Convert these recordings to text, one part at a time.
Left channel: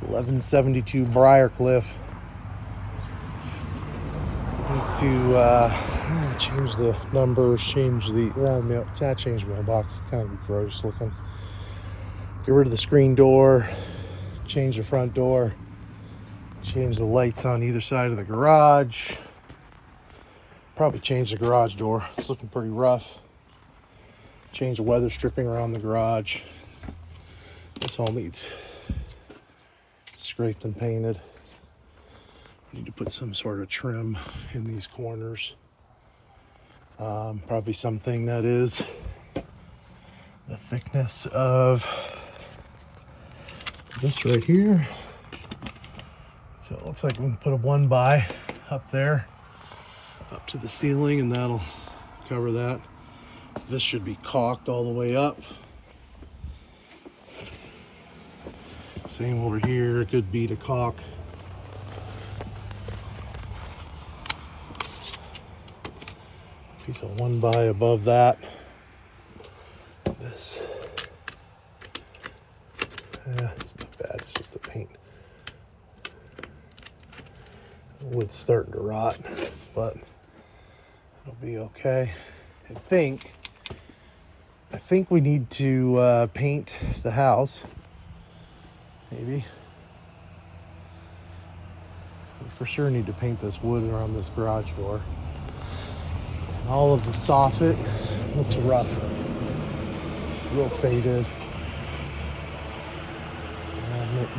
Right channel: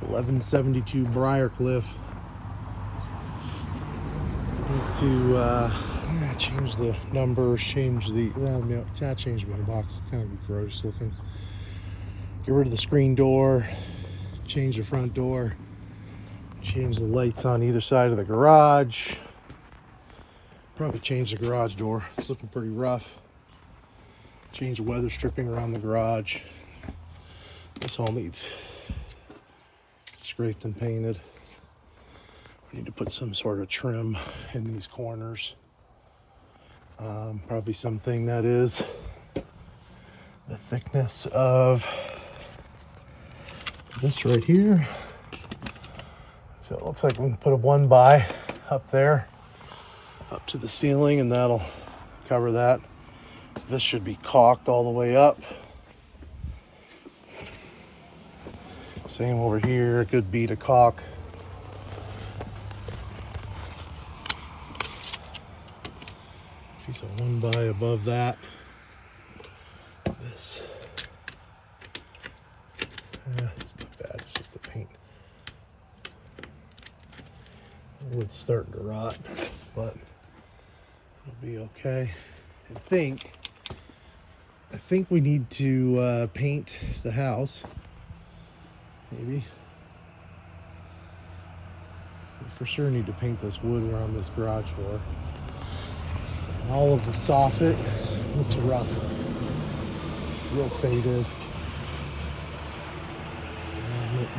1172 briarcliff. Need to change the numbers, change the change mailbox. Kind of gross looking. Get rid of the screen door, change the front door, change the lights on either side of the garage. Probably change the garage door. It's looking pretty rough. Change the weather stripping around the garage. This all needs scraped and painted. Need to put some sort of trim in these corners. Probably something that is the thickness of this right here. So it looks like we can put a 1x up there, up to the ceiling, and that'll cover that. This should be caulked all the way up. Same over here, good bead of caulk. Piece of 1x above that. This, it's not bad, it's just the paint. Wood's starting to rot, but it'll be okay. I think we need to paint the house, maybe. We for sure need to paint this wood around this garage door. And all of the soffit looks rough. It's real faded.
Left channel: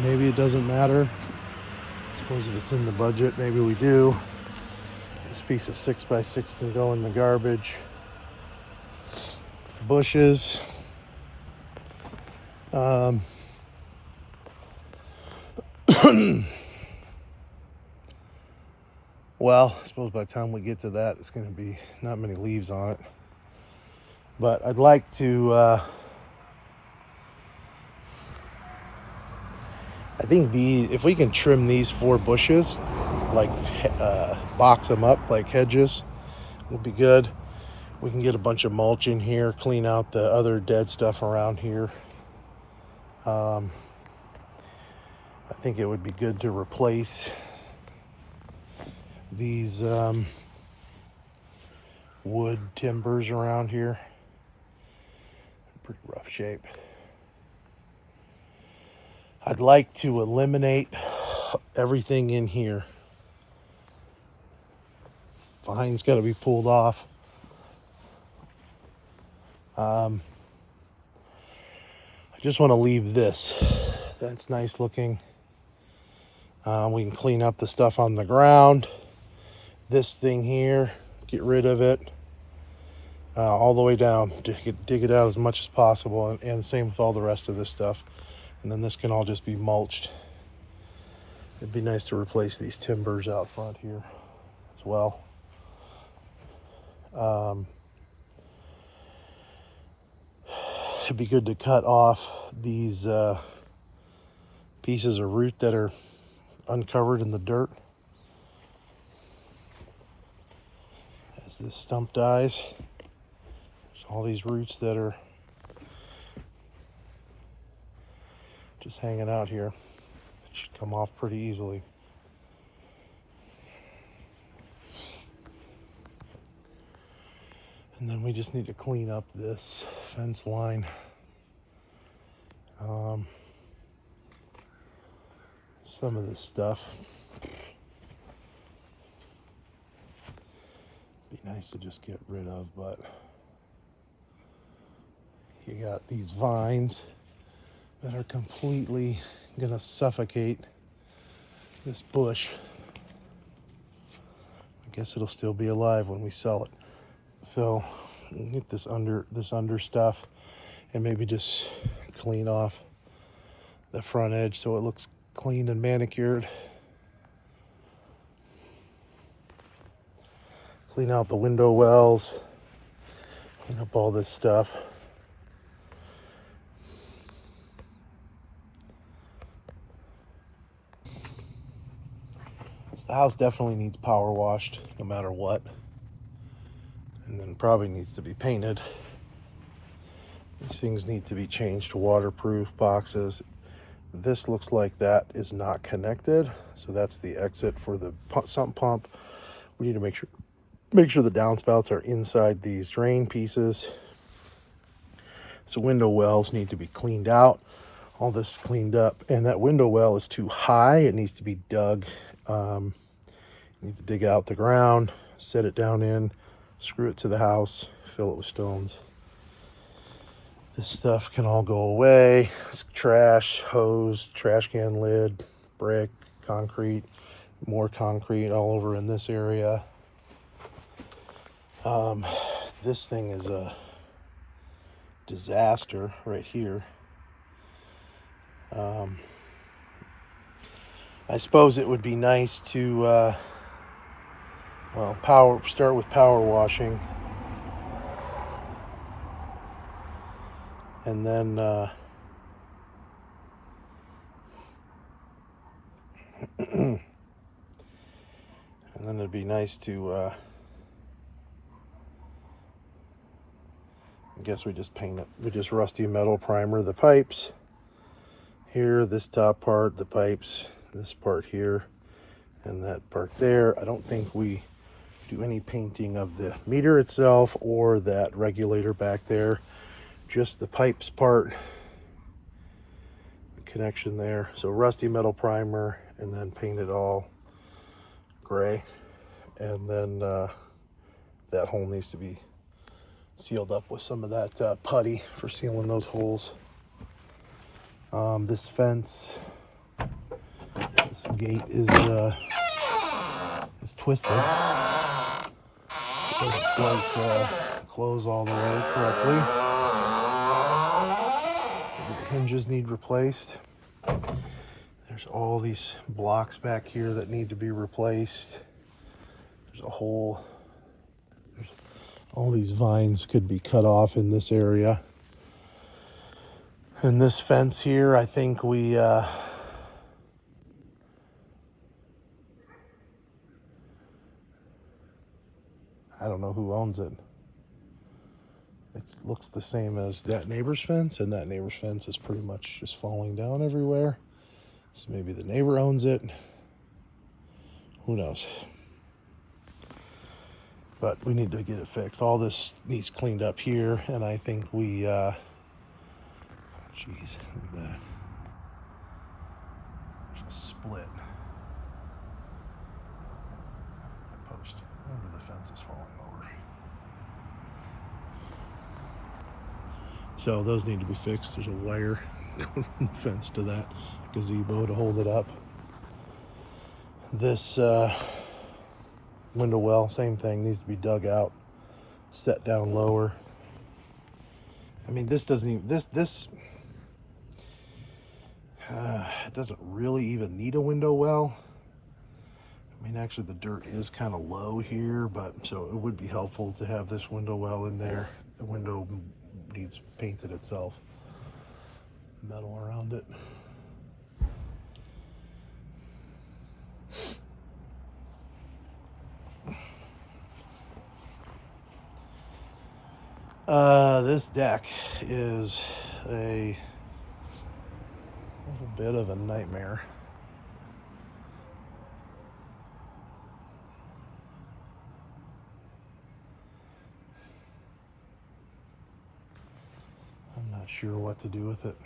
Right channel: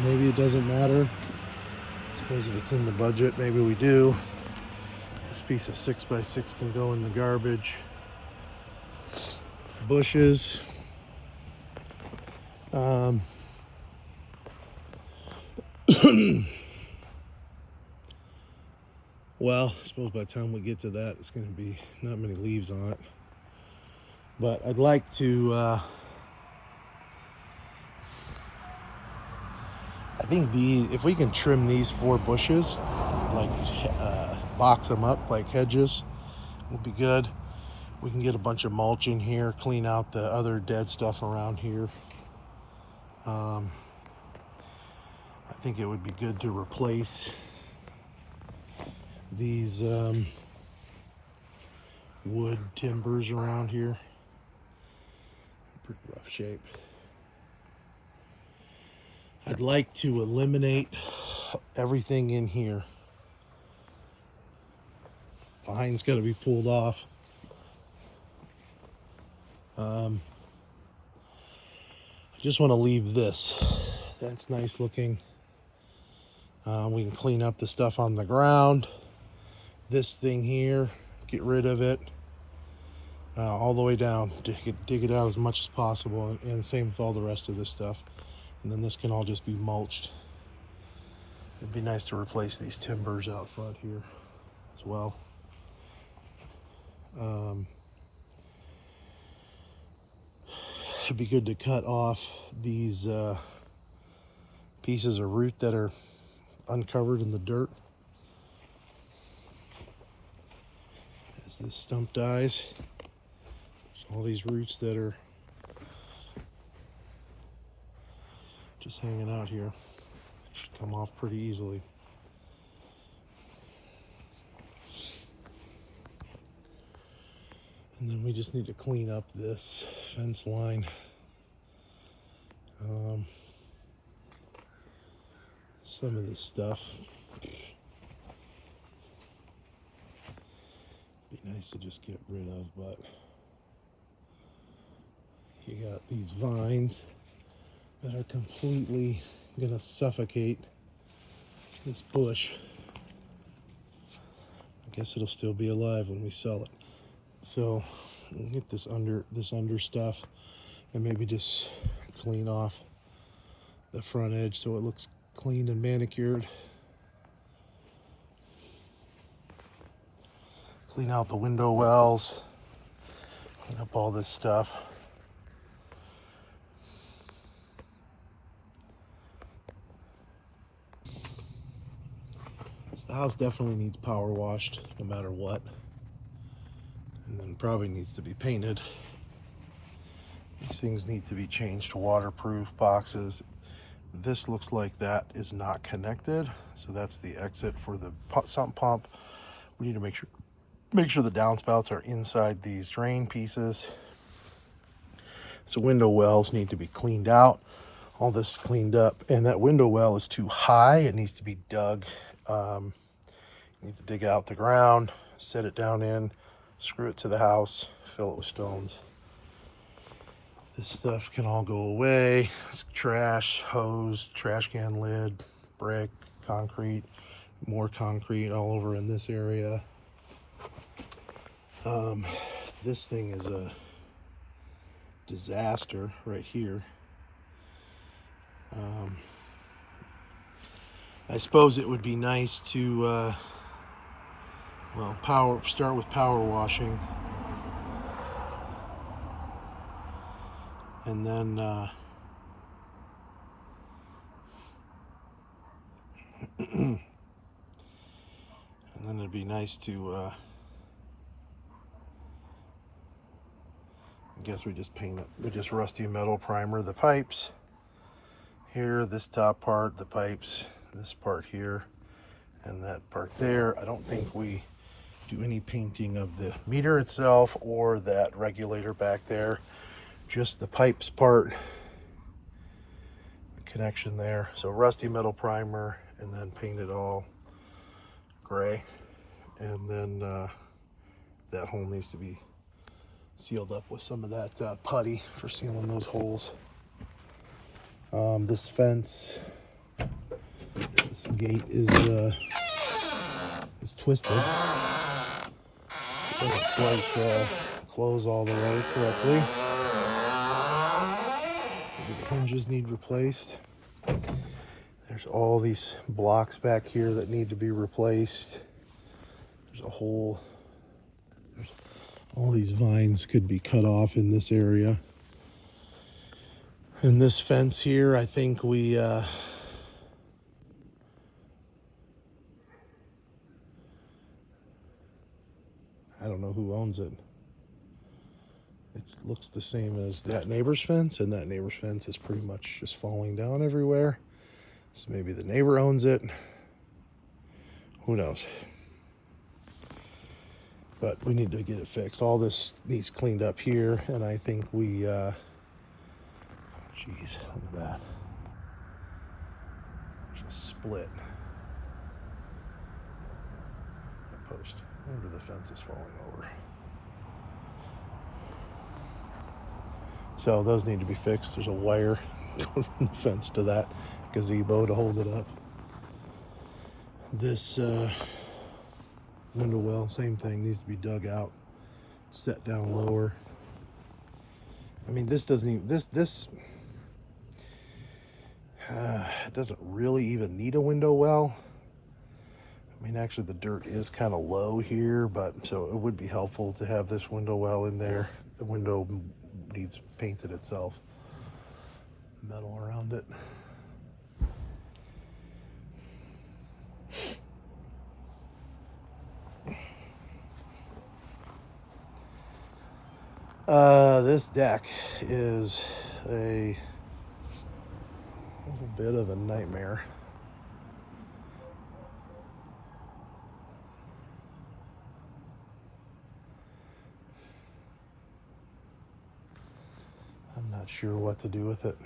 Maybe it doesn't matter. I suppose if it's in the budget, maybe we do. This piece of 6x6 can go in the garbage. Bushes. Well, I suppose by the time we get to that, it's going to be not many leaves on it. But I'd like to, I think if we can trim these 4 bushes, like box them up like hedges, would be good. We can get a bunch of mulch in here, clean out the other dead stuff around here. I think it would be good to replace these wood timbers around here. Pretty rough shape. I'd like to eliminate everything in here. Vine's got to be pulled off. I just want to leave this. That's nice looking. We can clean up the stuff on the ground. This thing here, get rid of it all the way down. Dig it out as much as possible, and same with all the rest of this stuff. And then this can all just be mulched. It'd be nice to replace these timbers out front here as well. It'd be good to cut off these pieces of root that are uncovered in the dirt. As this stump dies, there's all these roots that are just hanging out here. It should come off pretty easily. And then we just need to clean up this fence line. Some of this stuff. Be nice to just get rid of, but you got these vines that are completely gonna suffocate this bush. I guess it'll still be alive when we sell it. So we'll get this under stuff and maybe just clean off the front edge so it looks clean and manicured. Clean out the window wells, clean up all this stuff. So the house definitely needs power washed no matter what. And then probably needs to be painted. These things need to be changed to waterproof boxes. This looks like that is not connected, so that's the exit for the sump pump. We need to make sure the downspouts are inside these drain pieces. So window wells need to be cleaned out. All this cleaned up, and that window well is too high. It needs to be dug. You need to dig out the ground, set it down in, screw it to the house, fill it with stones. This stuff can all go away. It's trash, hose, trash can lid, brick, concrete, more concrete all over in this area. This thing is a disaster right here. I suppose it would be nice to start with power washing, and then it'd be nice to I guess we just paint it. We just rusty metal primer the pipes here, this top part, the pipes, this part here, and that part there. I don't think we do any painting of the meter itself or that regulator back there, just the pipes part, the connection there. So rusty metal primer, and then paint it all gray, and then that hole needs to be sealed up with some of that putty for sealing those holes. This fence, this gate is twisted. It doesn't quite close all the way correctly. The hinges need replaced. There's all these blocks back here that need to be replaced. There's a hole. All these vines could be cut off in this area. And this fence here, I think we I don't know who owns it. It looks the same as that neighbor's fence, and that neighbor's fence is pretty much just falling down everywhere. So maybe the neighbor owns it. Who knows? But we need to get it fixed. All this needs cleaned up here, and I think we, geez, look at that. Just split. Post. Maybe the fence is falling over. So those need to be fixed. There's a wire from the fence to that gazebo to hold it up. This window well, same thing, needs to be dug out, set down lower. I mean, this doesn't even, it doesn't really even need a window well. I mean, actually the dirt is kind of low here, but so it would be helpful to have this window well in there. The window needs painted itself, metal around it. This deck is a little bit of a nightmare. I'm not sure what to do with it.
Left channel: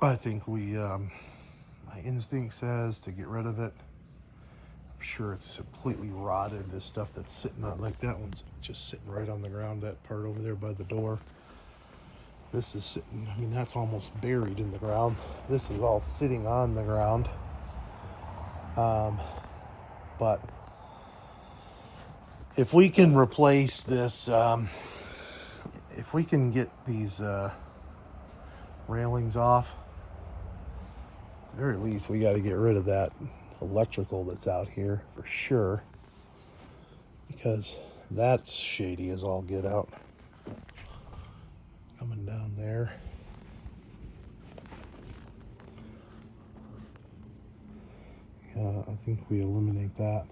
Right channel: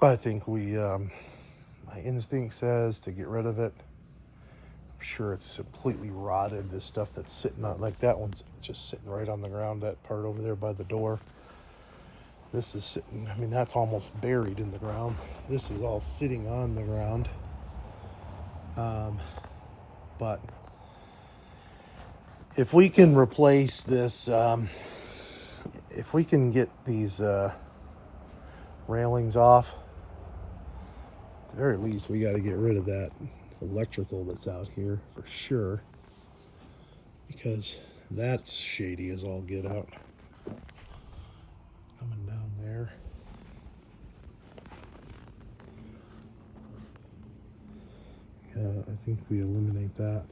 I think my instinct says to get rid of it. I'm sure it's completely rotted. This stuff that's sitting on, like that one's just sitting right on the ground, that part over there by the door. This is sitting, I mean, that's almost buried in the ground. This is all sitting on the ground. But if we can replace this, if we can get these railings off, at the very least, we got to get rid of that electrical that's out here for sure, because that's shady as all get out. Coming down there. I think we eliminate that.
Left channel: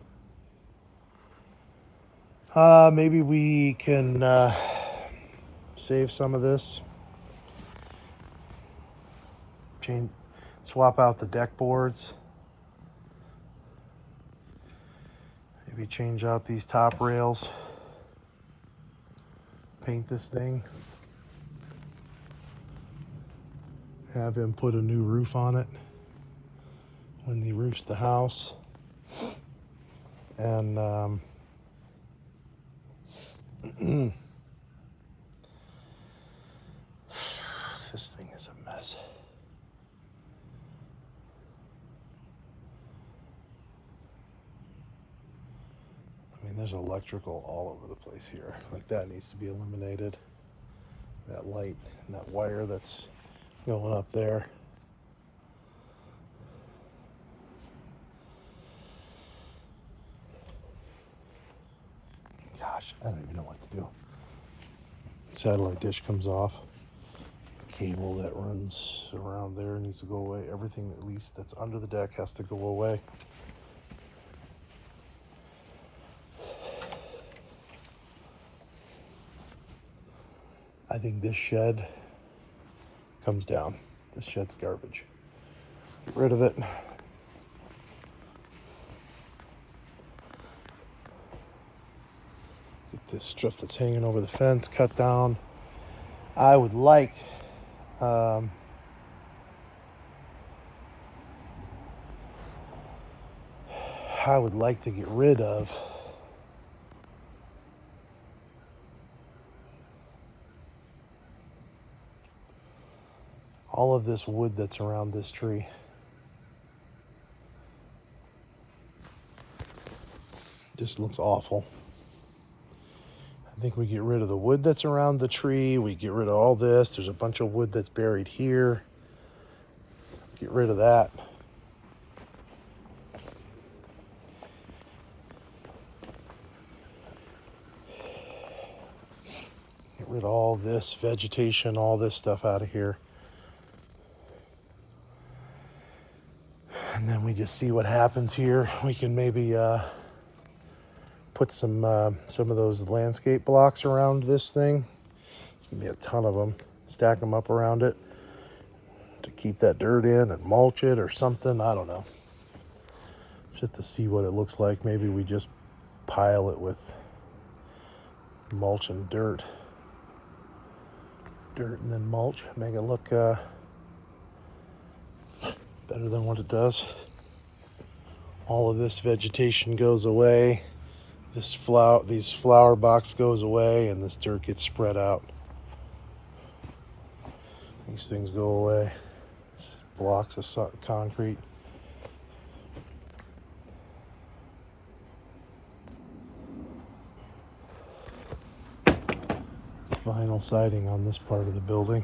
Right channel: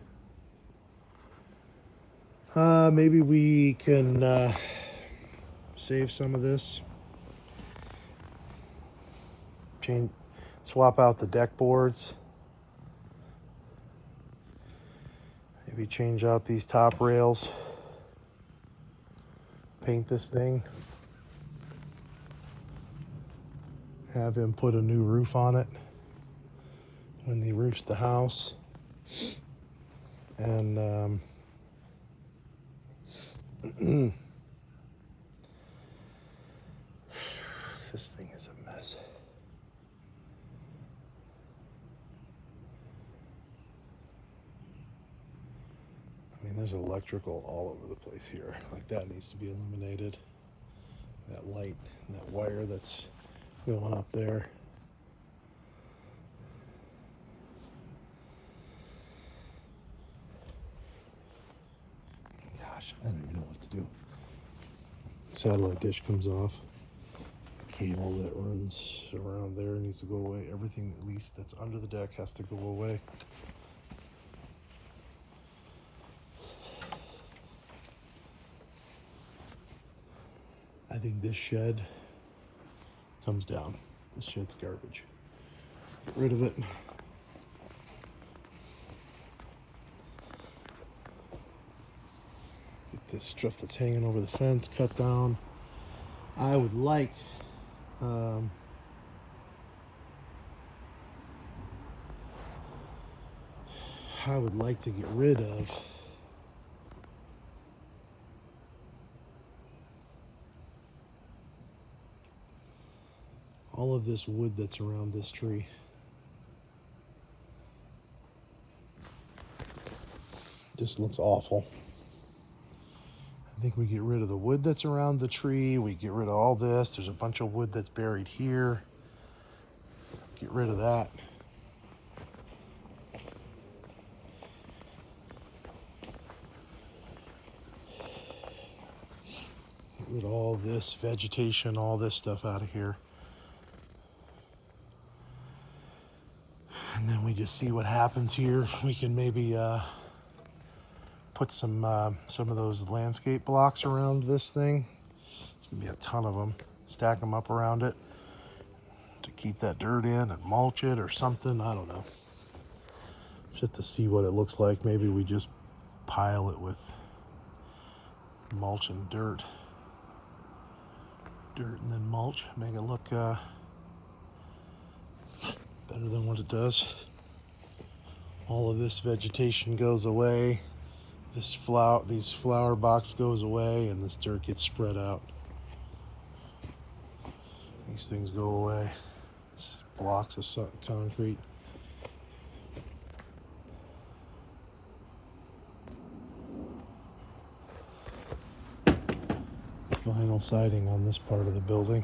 Maybe we can save some of this. Swap out the deck boards. Maybe change out these top rails. Paint this thing. Have him put a new roof on it when he roofs the house. And this thing is a mess. I mean, there's electrical all over the place here. Like, that needs to be eliminated. That light and that wire that's going up there. Gosh, I don't even know what to do. Satellite dish comes off. Cable that runs around there needs to go away. Everything, at least, that's under the deck has to go away. I think this shed comes down. This shed's garbage. Get rid of it. Get this stuff that's hanging over the fence cut down. I would like to get rid of all of this wood that's around this tree. Just looks awful. I think we get rid of the wood that's around the tree. We get rid of all this. There's a bunch of wood that's buried here. Get rid of that. Get rid of all this vegetation, all this stuff out of here. And then we just see what happens here. We can maybe put some of those landscape blocks around this thing. There's gonna be a ton of them. Stack them up around it to keep that dirt in and mulch it or something. I don't know. Just to see what it looks like. Maybe we just pile it with mulch and dirt. Dirt and then mulch. Make it look better than what it does. All of this vegetation goes away. These flower box goes away, and this dirt gets spread out. These things go away. It's blocks of concrete. Vinyl siding on this part of the building.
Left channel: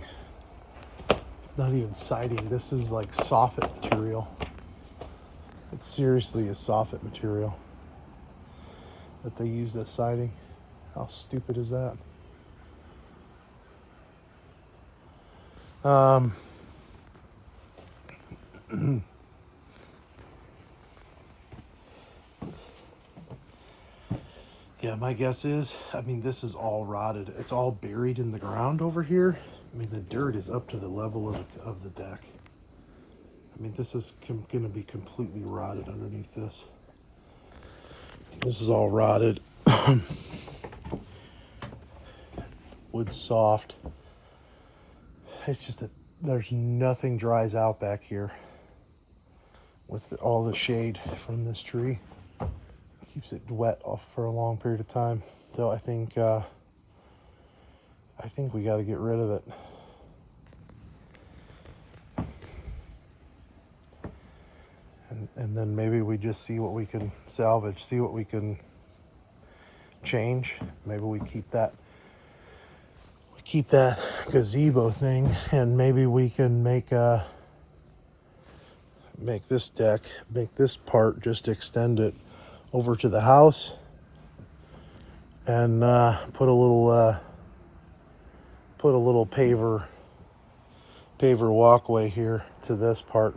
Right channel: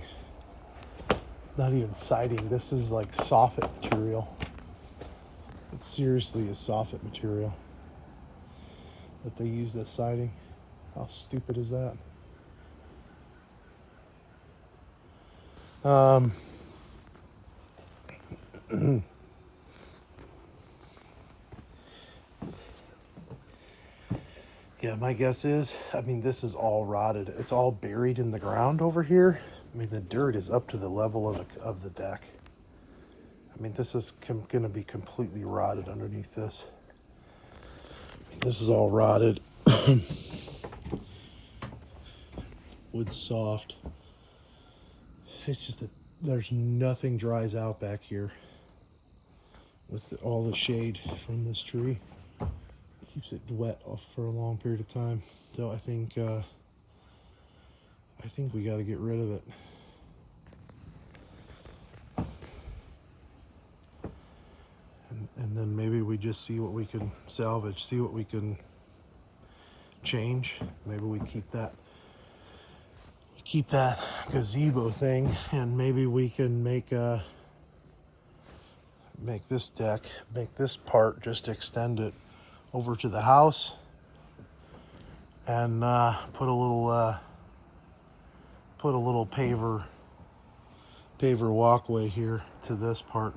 It's not even siding. This is like soffit material. It seriously is soffit material that they use as siding. How stupid is that? Yeah, my guess is, I mean, this is all rotted. It's all buried in the ground over here. I mean, the dirt is up to the level of the deck. I mean, this is going to be completely rotted underneath this. I mean, this is all rotted. Wood's soft. It's just that there's nothing dries out back here with all the shade from this tree. Keeps it wet off for a long period of time. So I think we got to get rid of it. And then maybe we just see what we can salvage, see what we can change. Maybe we keep that gazebo thing, and maybe we can make this deck, make this part, just extend it over to the house and put a little paver walkway here to this part.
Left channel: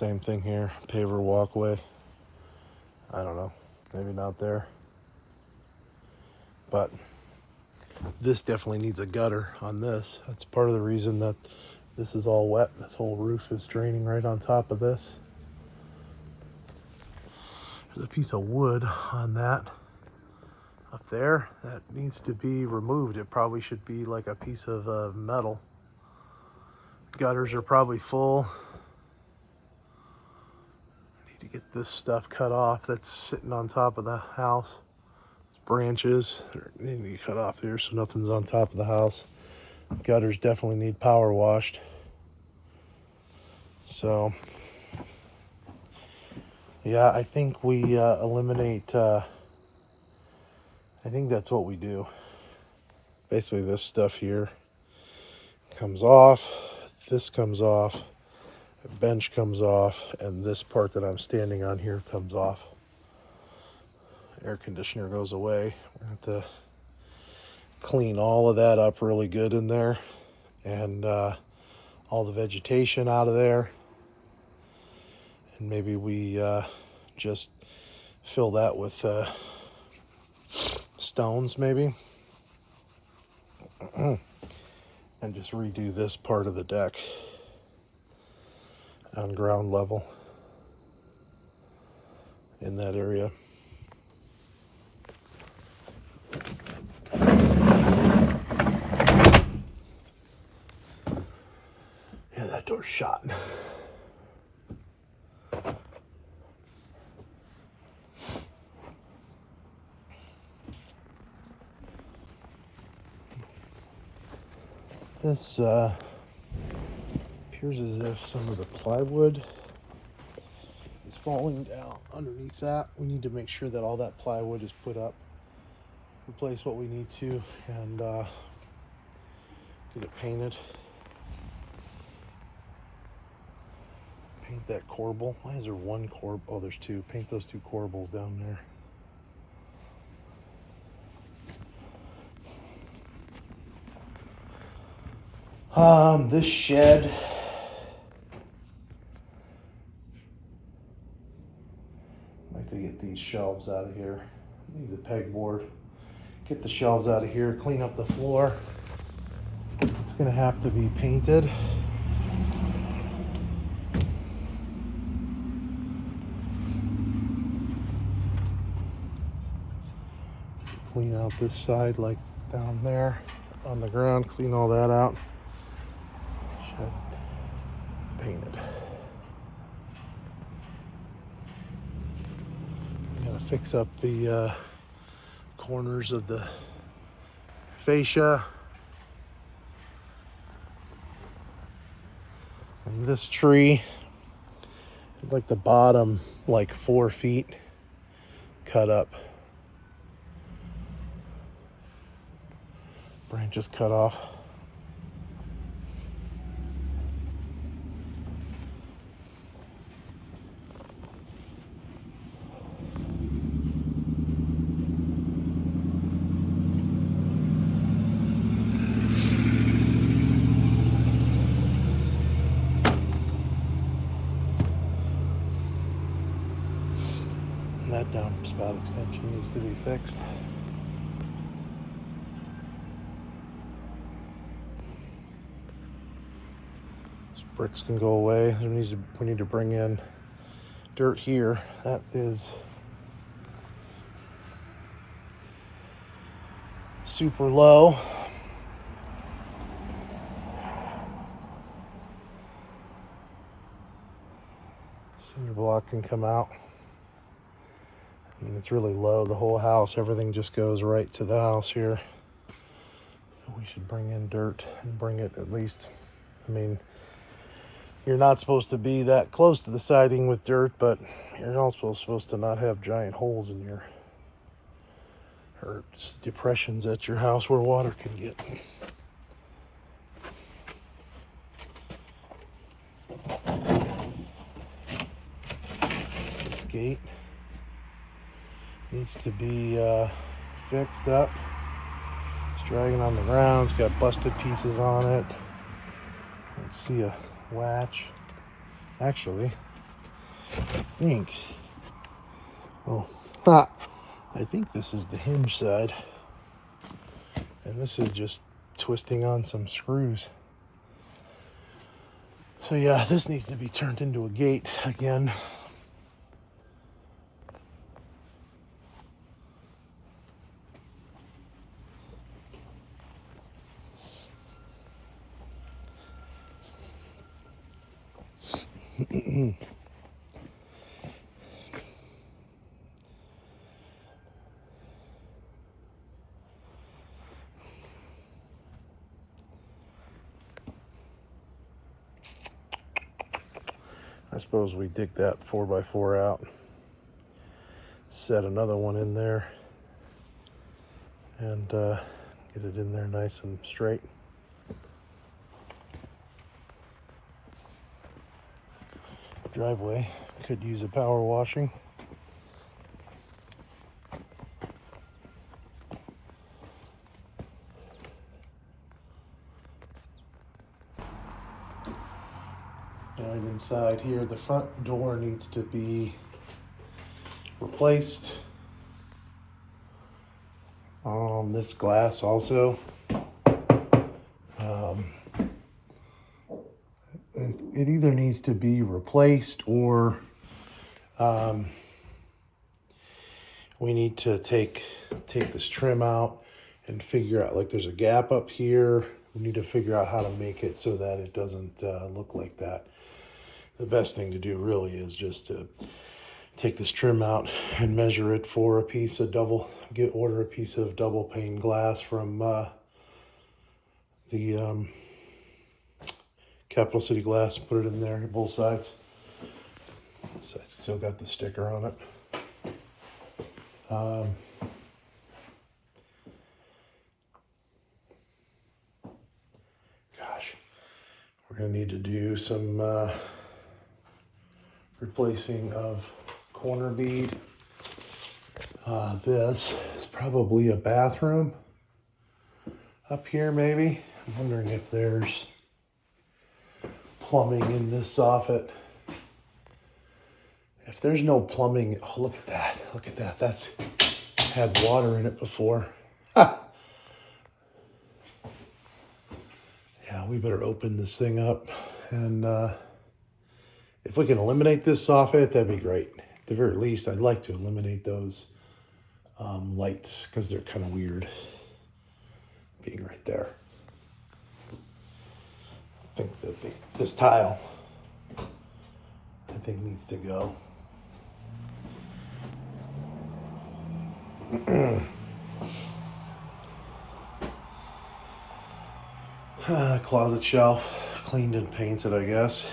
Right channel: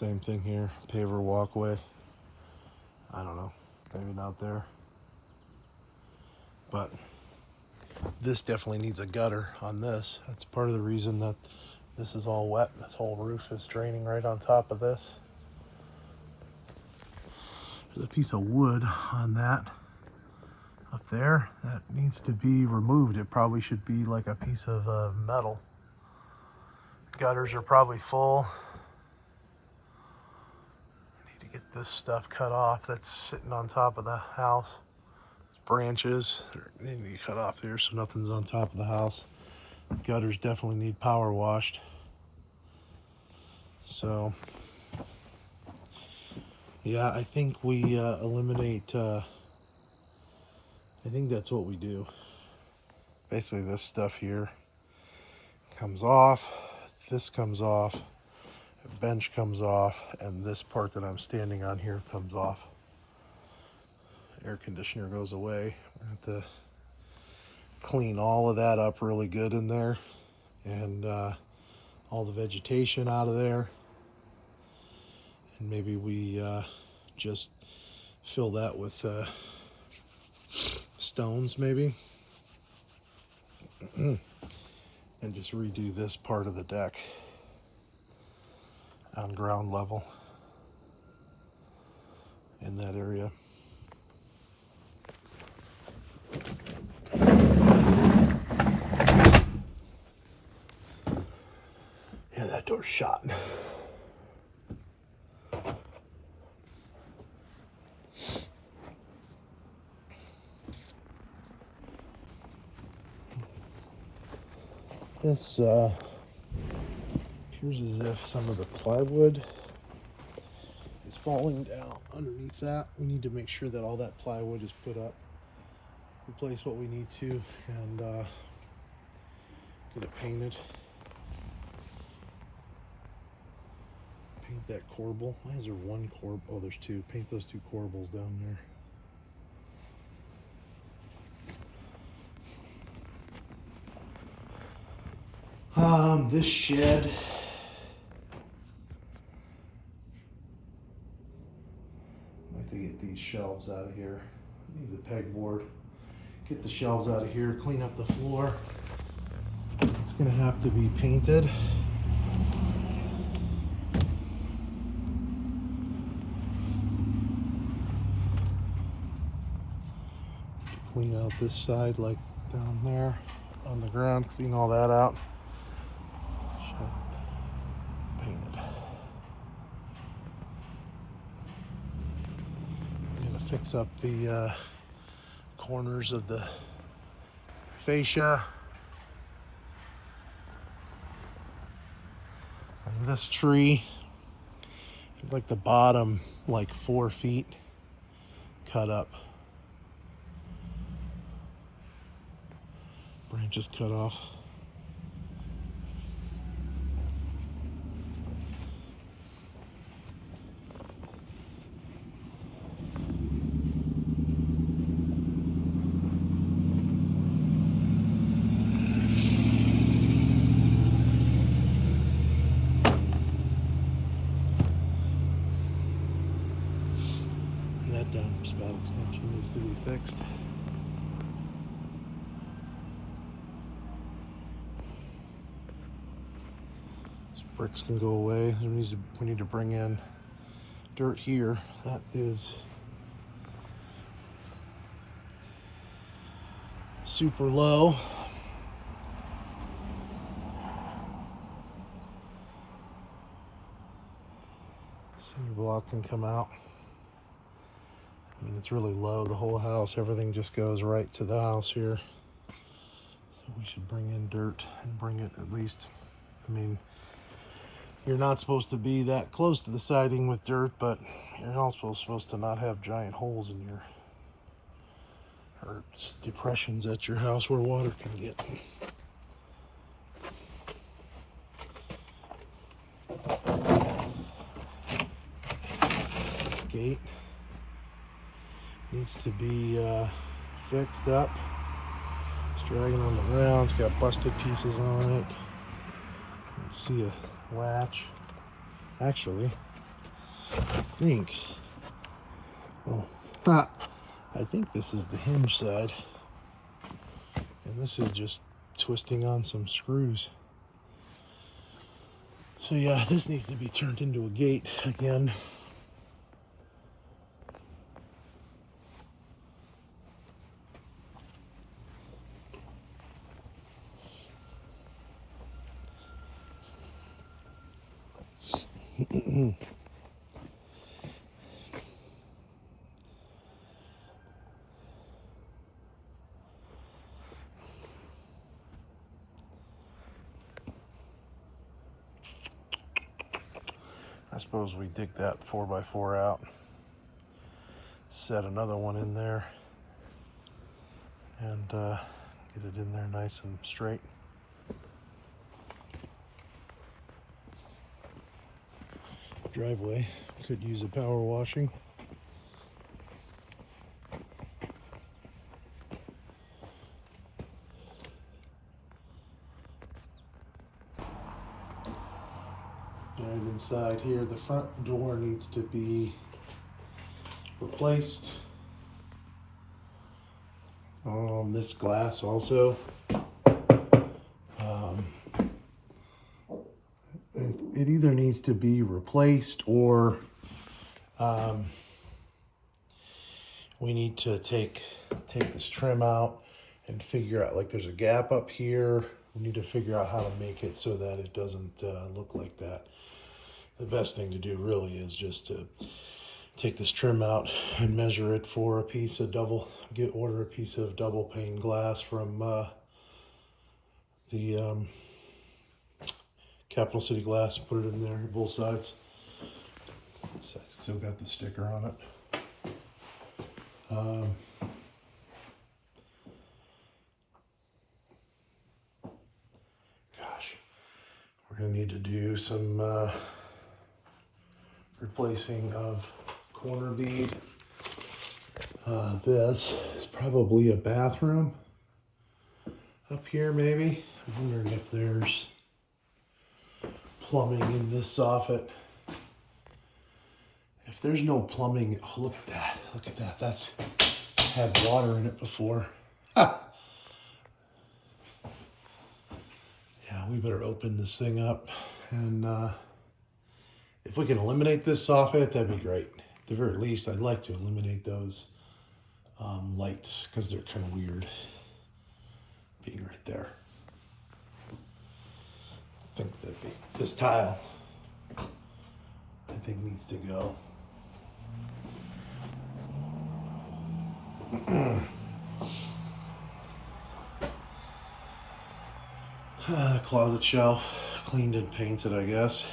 same thing here, paver walkway. I don't know, maybe not there. But this definitely needs a gutter on this. That's part of the reason that this is all wet. This whole roof is draining right on top of this. There's a piece of wood on that up there that needs to be removed. It probably should be like a piece of metal. Gutters are probably full. I need to get this stuff cut off that's sitting on top of the house. It's branches need to be cut off there so nothing's on top of the house. Gutters definitely need power washed. So yeah, I think we eliminate, I think that's what we do. Basically this stuff here comes off, this comes off, the bench comes off, and this part that I'm standing on here comes off. Air conditioner goes away. We have to clean all of that up really good in there, and all the vegetation out of there. And maybe we just fill that with stones maybe. And just redo this part of the deck on ground level in that area. Yeah, that door's shut. This appears as if some of the plywood is falling down underneath that. We need to make sure that all that plywood is put up, replace what we need to, and get it painted. Paint that corbel. Why is there one corbel? Oh, there's two. Paint those two corbels down there. This shed, I'd like to get these shelves out of here. Leave the pegboard. Get the shelves out of here. Clean up the floor. It's gonna have to be painted. Clean out this side, like down there on the ground. Clean all that out. Painted. Gotta fix up the corners of the fascia. And this tree, like the bottom, like 4 feet cut up. Branches cut off. That downspout extension needs to be fixed. These bricks can go away. We need to bring in dirt here. That is super low. Cinder block can come out. I mean, it's really low, the whole house, everything just goes right to the house here. So we should bring in dirt and bring it at least, I mean, you're not supposed to be that close to the siding with dirt, but you're also supposed to not have giant holes in your, or depressions at your house where water can get. This gate needs to be fixed up. It's dragging on the ground. It's got busted pieces on it. Let's see a latch. Actually, I think, oh, I think this is the hinge side. And this is just twisting on some screws. So yeah, this needs to be turned into a gate again. I suppose we dig that 4x4 out, set another one in there, and get it in there nice and straight. Driveway could use a power washing. And inside here, the front door needs to be replaced. This glass also. It either needs to be replaced or we need to take this trim out and figure out, like there's a gap up here. We need to figure out how to make it so that it doesn't look like that. The best thing to do really is just to take this trim out and measure it for a piece of order a piece of double pane glass from the Capital City Glass, put it in there, both sides. So it's still got the sticker on it. Gosh, we're gonna need to do some replacing of corner bead. This is probably a bathroom up here, maybe. I'm wondering if there's plumbing in this soffit. If there's no plumbing, oh, look at that. Look at that. That's had water in it before. Ha! Yeah, we better open this thing up. And if we can eliminate this soffit, that'd be great. At the very least, I'd like to eliminate those lights because they're kind of weird being right there. I think that this tile, I think, needs to go. Closet shelf, cleaned and painted, I guess.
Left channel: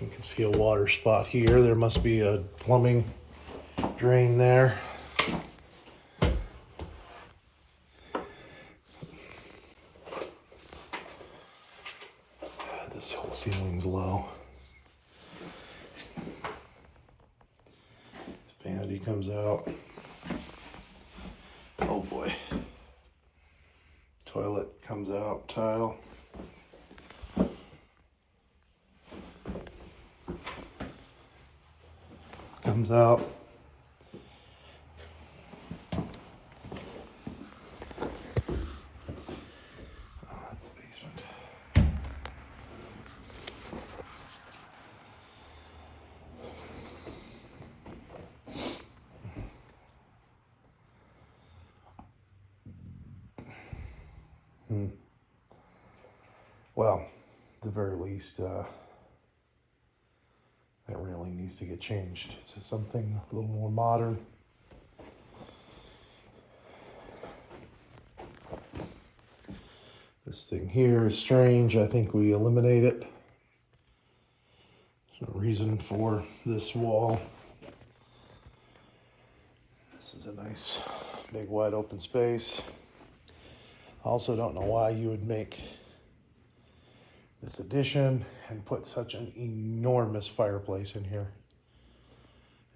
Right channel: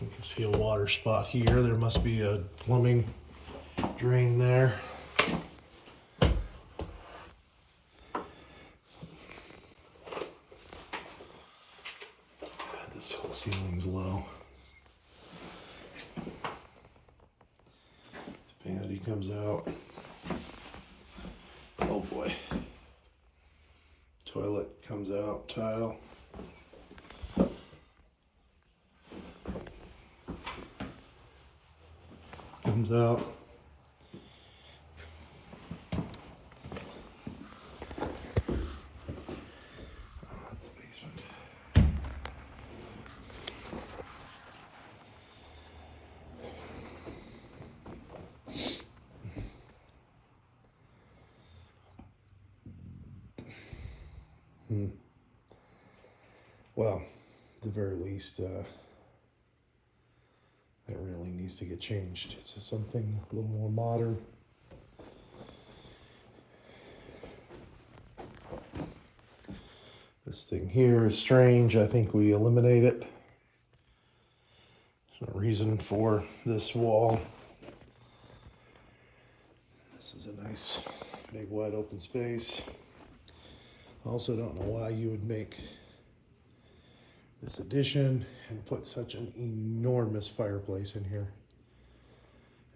You can see a water spot here. There must be a plumbing drain there. God, this whole ceiling's low. Vanity comes out. Oh boy. Toilet comes out, tile. Comes out. Oh, that's the basement. Well, at the very least, that really needs to get changed to something a little more modern. This thing here is strange. I think we eliminate it. There's no reason for this wall. This is a nice, big, wide open space. I also don't know why you would make this addition and put such an enormous fireplace in here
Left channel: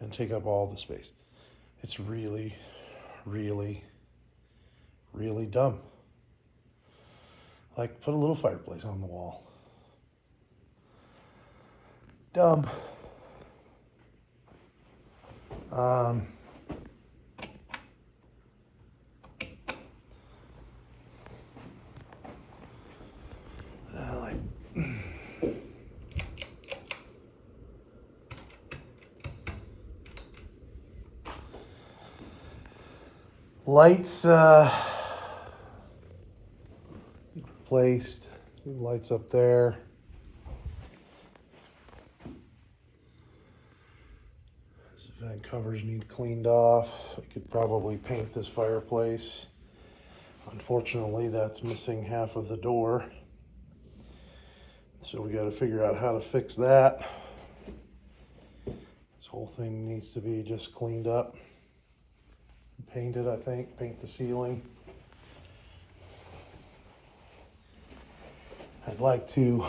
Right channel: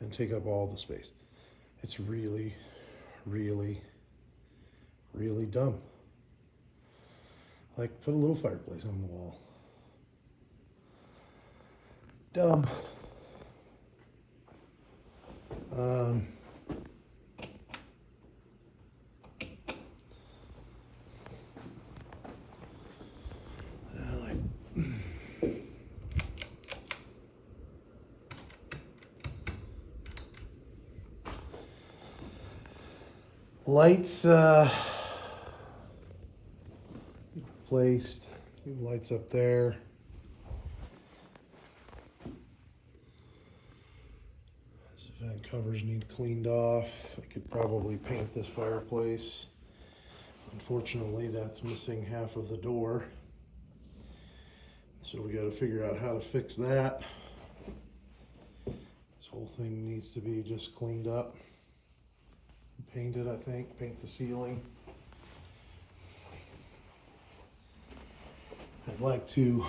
and take up all the space. It's really, really, really dumb. Like, put a little fireplace on the wall. dumb. Lights replaced. New lights up there. This vent covers need cleaned off. I could probably paint this fireplace. Unfortunately, that's missing half of the door. So we got to figure out how to fix that. This whole thing needs to be just cleaned up. Painted, I think. Paint the ceiling. I'd like to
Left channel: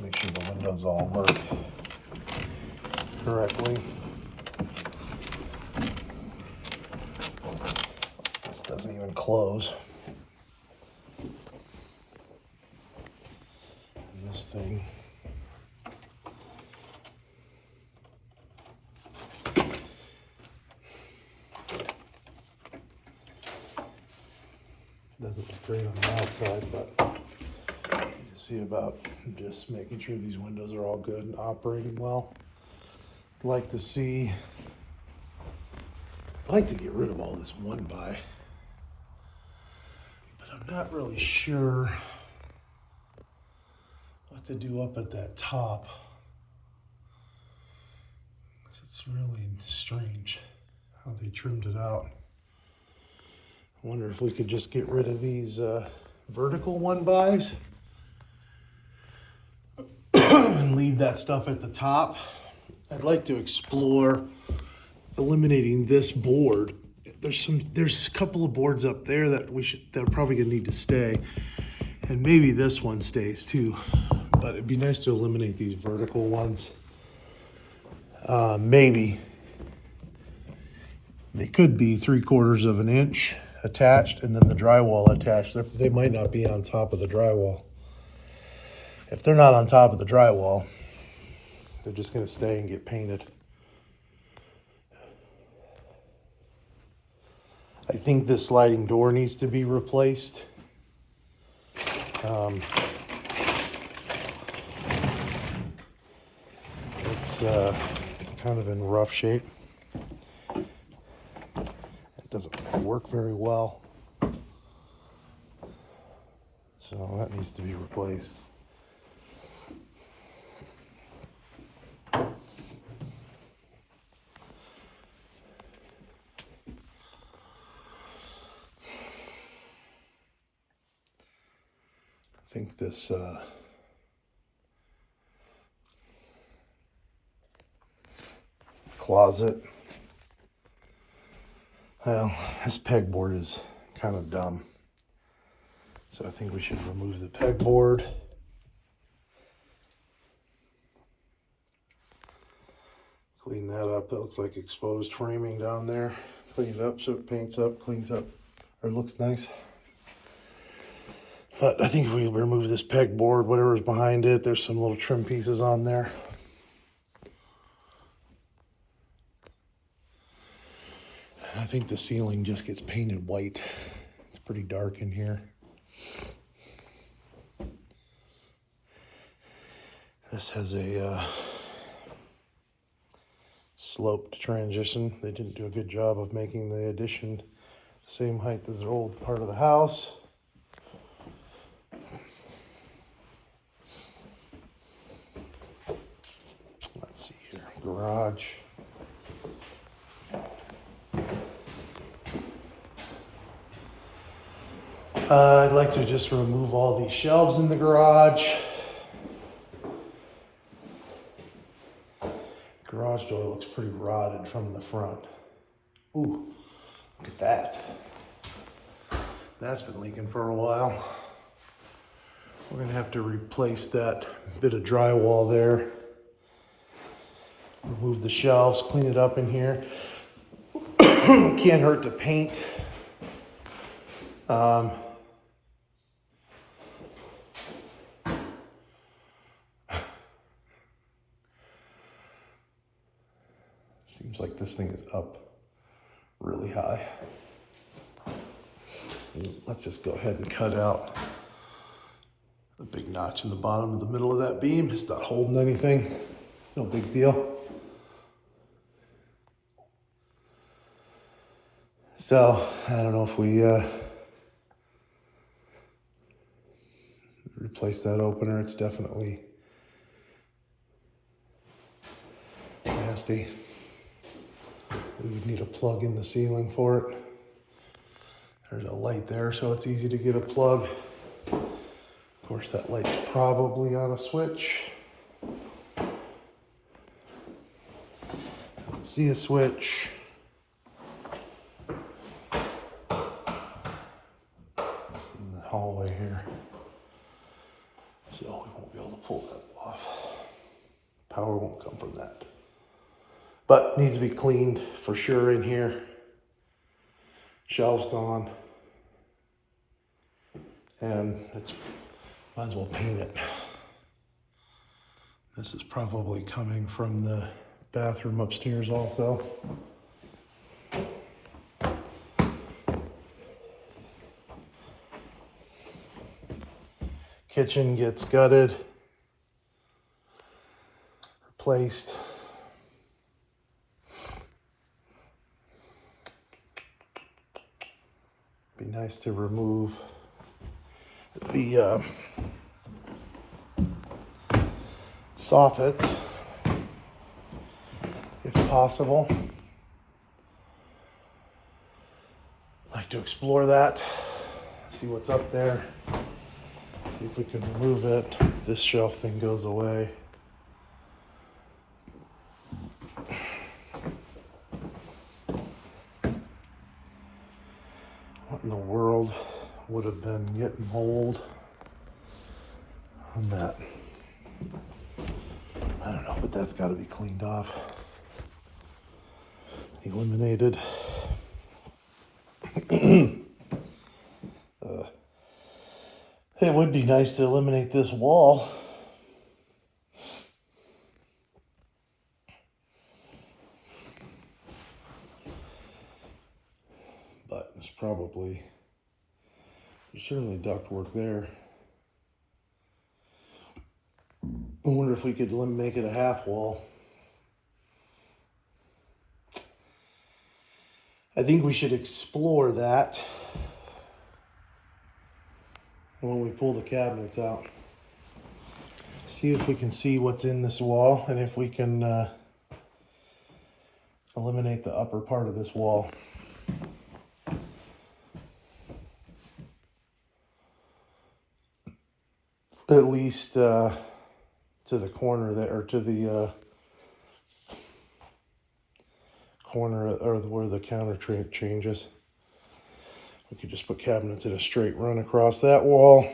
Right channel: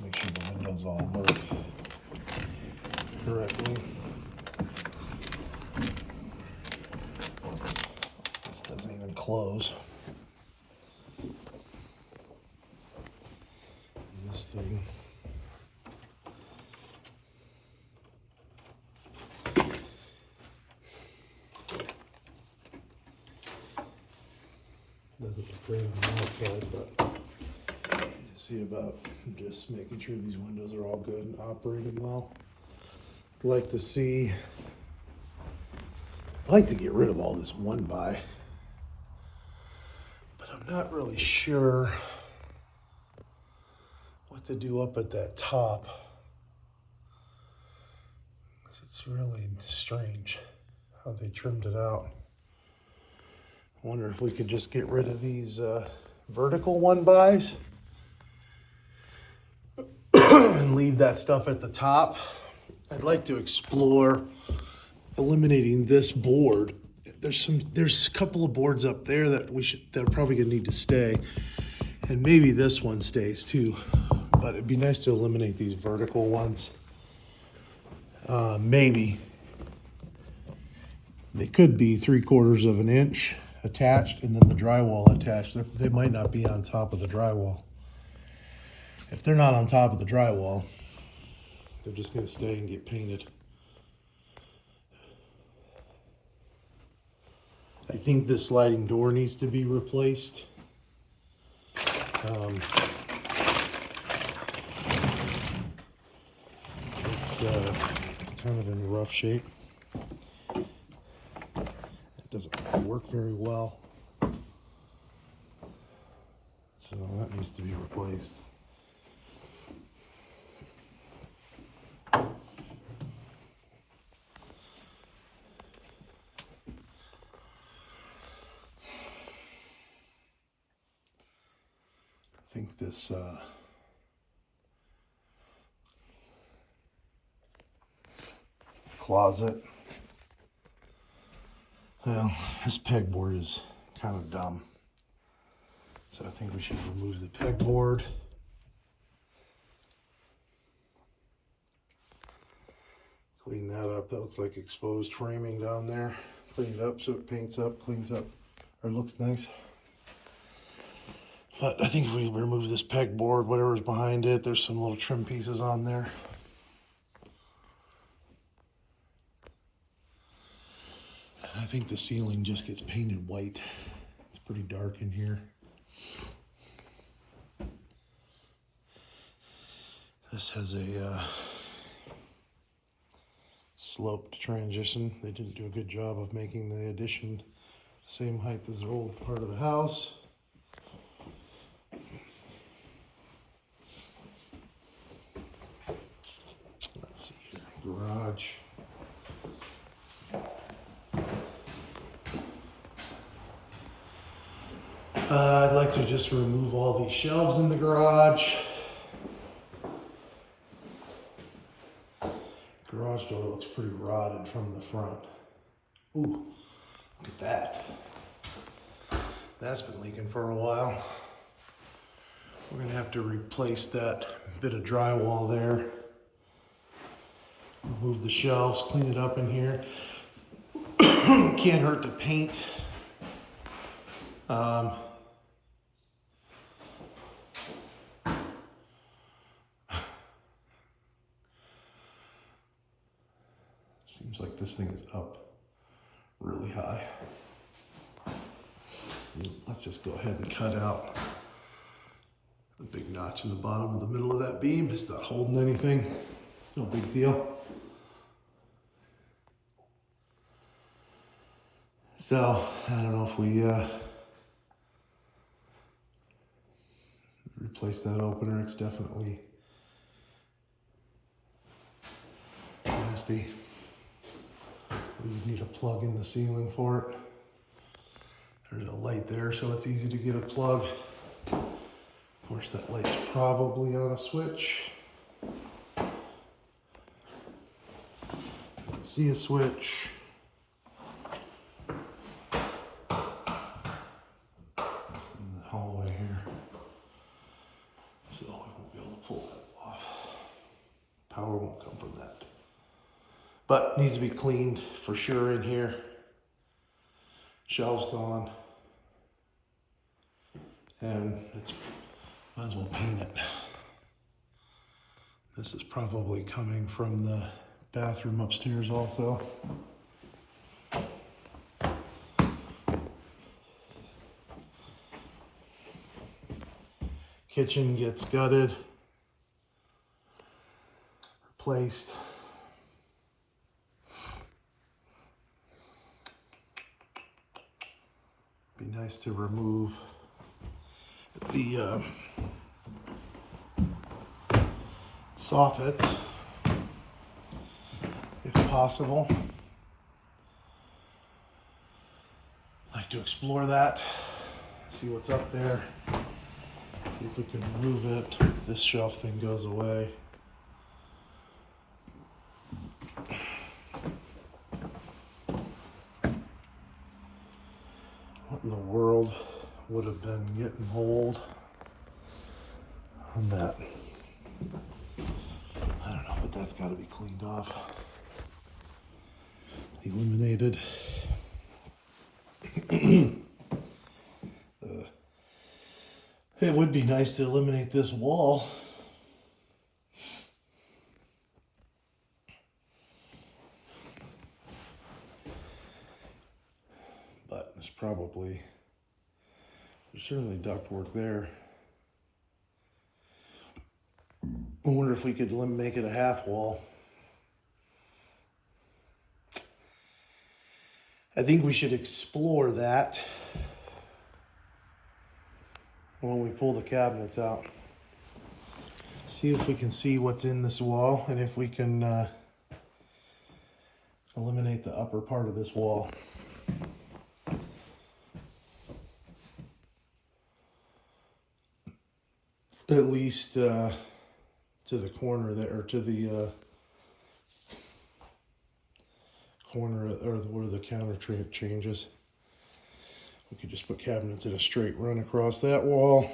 make sure the windows all work correctly. This doesn't even close. And this thing doesn't look great on the outside, but you see about just making sure these windows are all good and operating well. I'd like to see, I'd like to get rid of all this one by, but I'm not really sure what to do up at that top. It's really strange how they trimmed it out. I wonder if we could just get rid of these vertical one bys and leave that stuff at the top. I'd like to explore eliminating this board. There's a couple of boards up there that that are probably gonna need to stay, and maybe this one stays too. But it'd be nice to eliminate these vertical ones. Maybe they could be 3/4 of an inch attached and then the drywall attached. They might not be on top of the drywall. If they're not on top of the drywall, they're just going to stay and get painted. I think this sliding door needs to be replaced. It's kind of in rough shape. It doesn't work very well. So that needs to be replaced. I think this closet, well, this pegboard is kind of dumb. So I think we should remove the pegboard. Clean that up. That looks like exposed framing down there. Clean it up so it paints up, cleans up, or looks nice. But I think if we remove this pegboard, whatever's behind it, there's some little trim pieces on there. I think the ceiling just gets painted white. It's pretty dark in here. This has a sloped transition. They didn't do a good job of making the addition the same height as the old part of the house. Let's see here, garage. I'd like to just remove all these shelves in the garage. Garage door looks pretty rotted from the front. Ooh, Look at that. That's been leaking for a while. We're gonna have to replace that bit of drywall there. Remove the shelves, clean it up in here. Can't hurt to paint. Seems like this thing is up really high. Let's just go ahead and cut out a big notch in the bottom of the middle of that beam. It's not holding anything. No big deal. So, I don't know if we replace that opener. It's definitely nasty. We would need a plug in the ceiling for it. There's a light there, so it's easy to get a plug. Of course, that light's probably on a switch. I can see a switch. It's in the hallway here. So we won't be able to pull that off. Power won't come from that. But needs to be cleaned for sure in here. Shelves gone. And it's, might as well paint it. This is probably coming from the bathroom upstairs also. Kitchen gets gutted, replaced. Be nice to remove the soffits if possible. Like to explore that, see what's up there, see if we can remove it. If this shelf thing goes away. What in the world would have been getting mold on that? I don't know, but that's got to be cleaned off, eliminated. It would be nice to eliminate this wall. But there's certainly ductwork there. I wonder if we could make it a half wall. I think we should explore that when we pull the cabinets out. See if we can see what's in this wall and if we can eliminate the upper part of this wall. At least to the corner there, or to the corner or where the counter changes. We could just put cabinets in a straight run across that wall.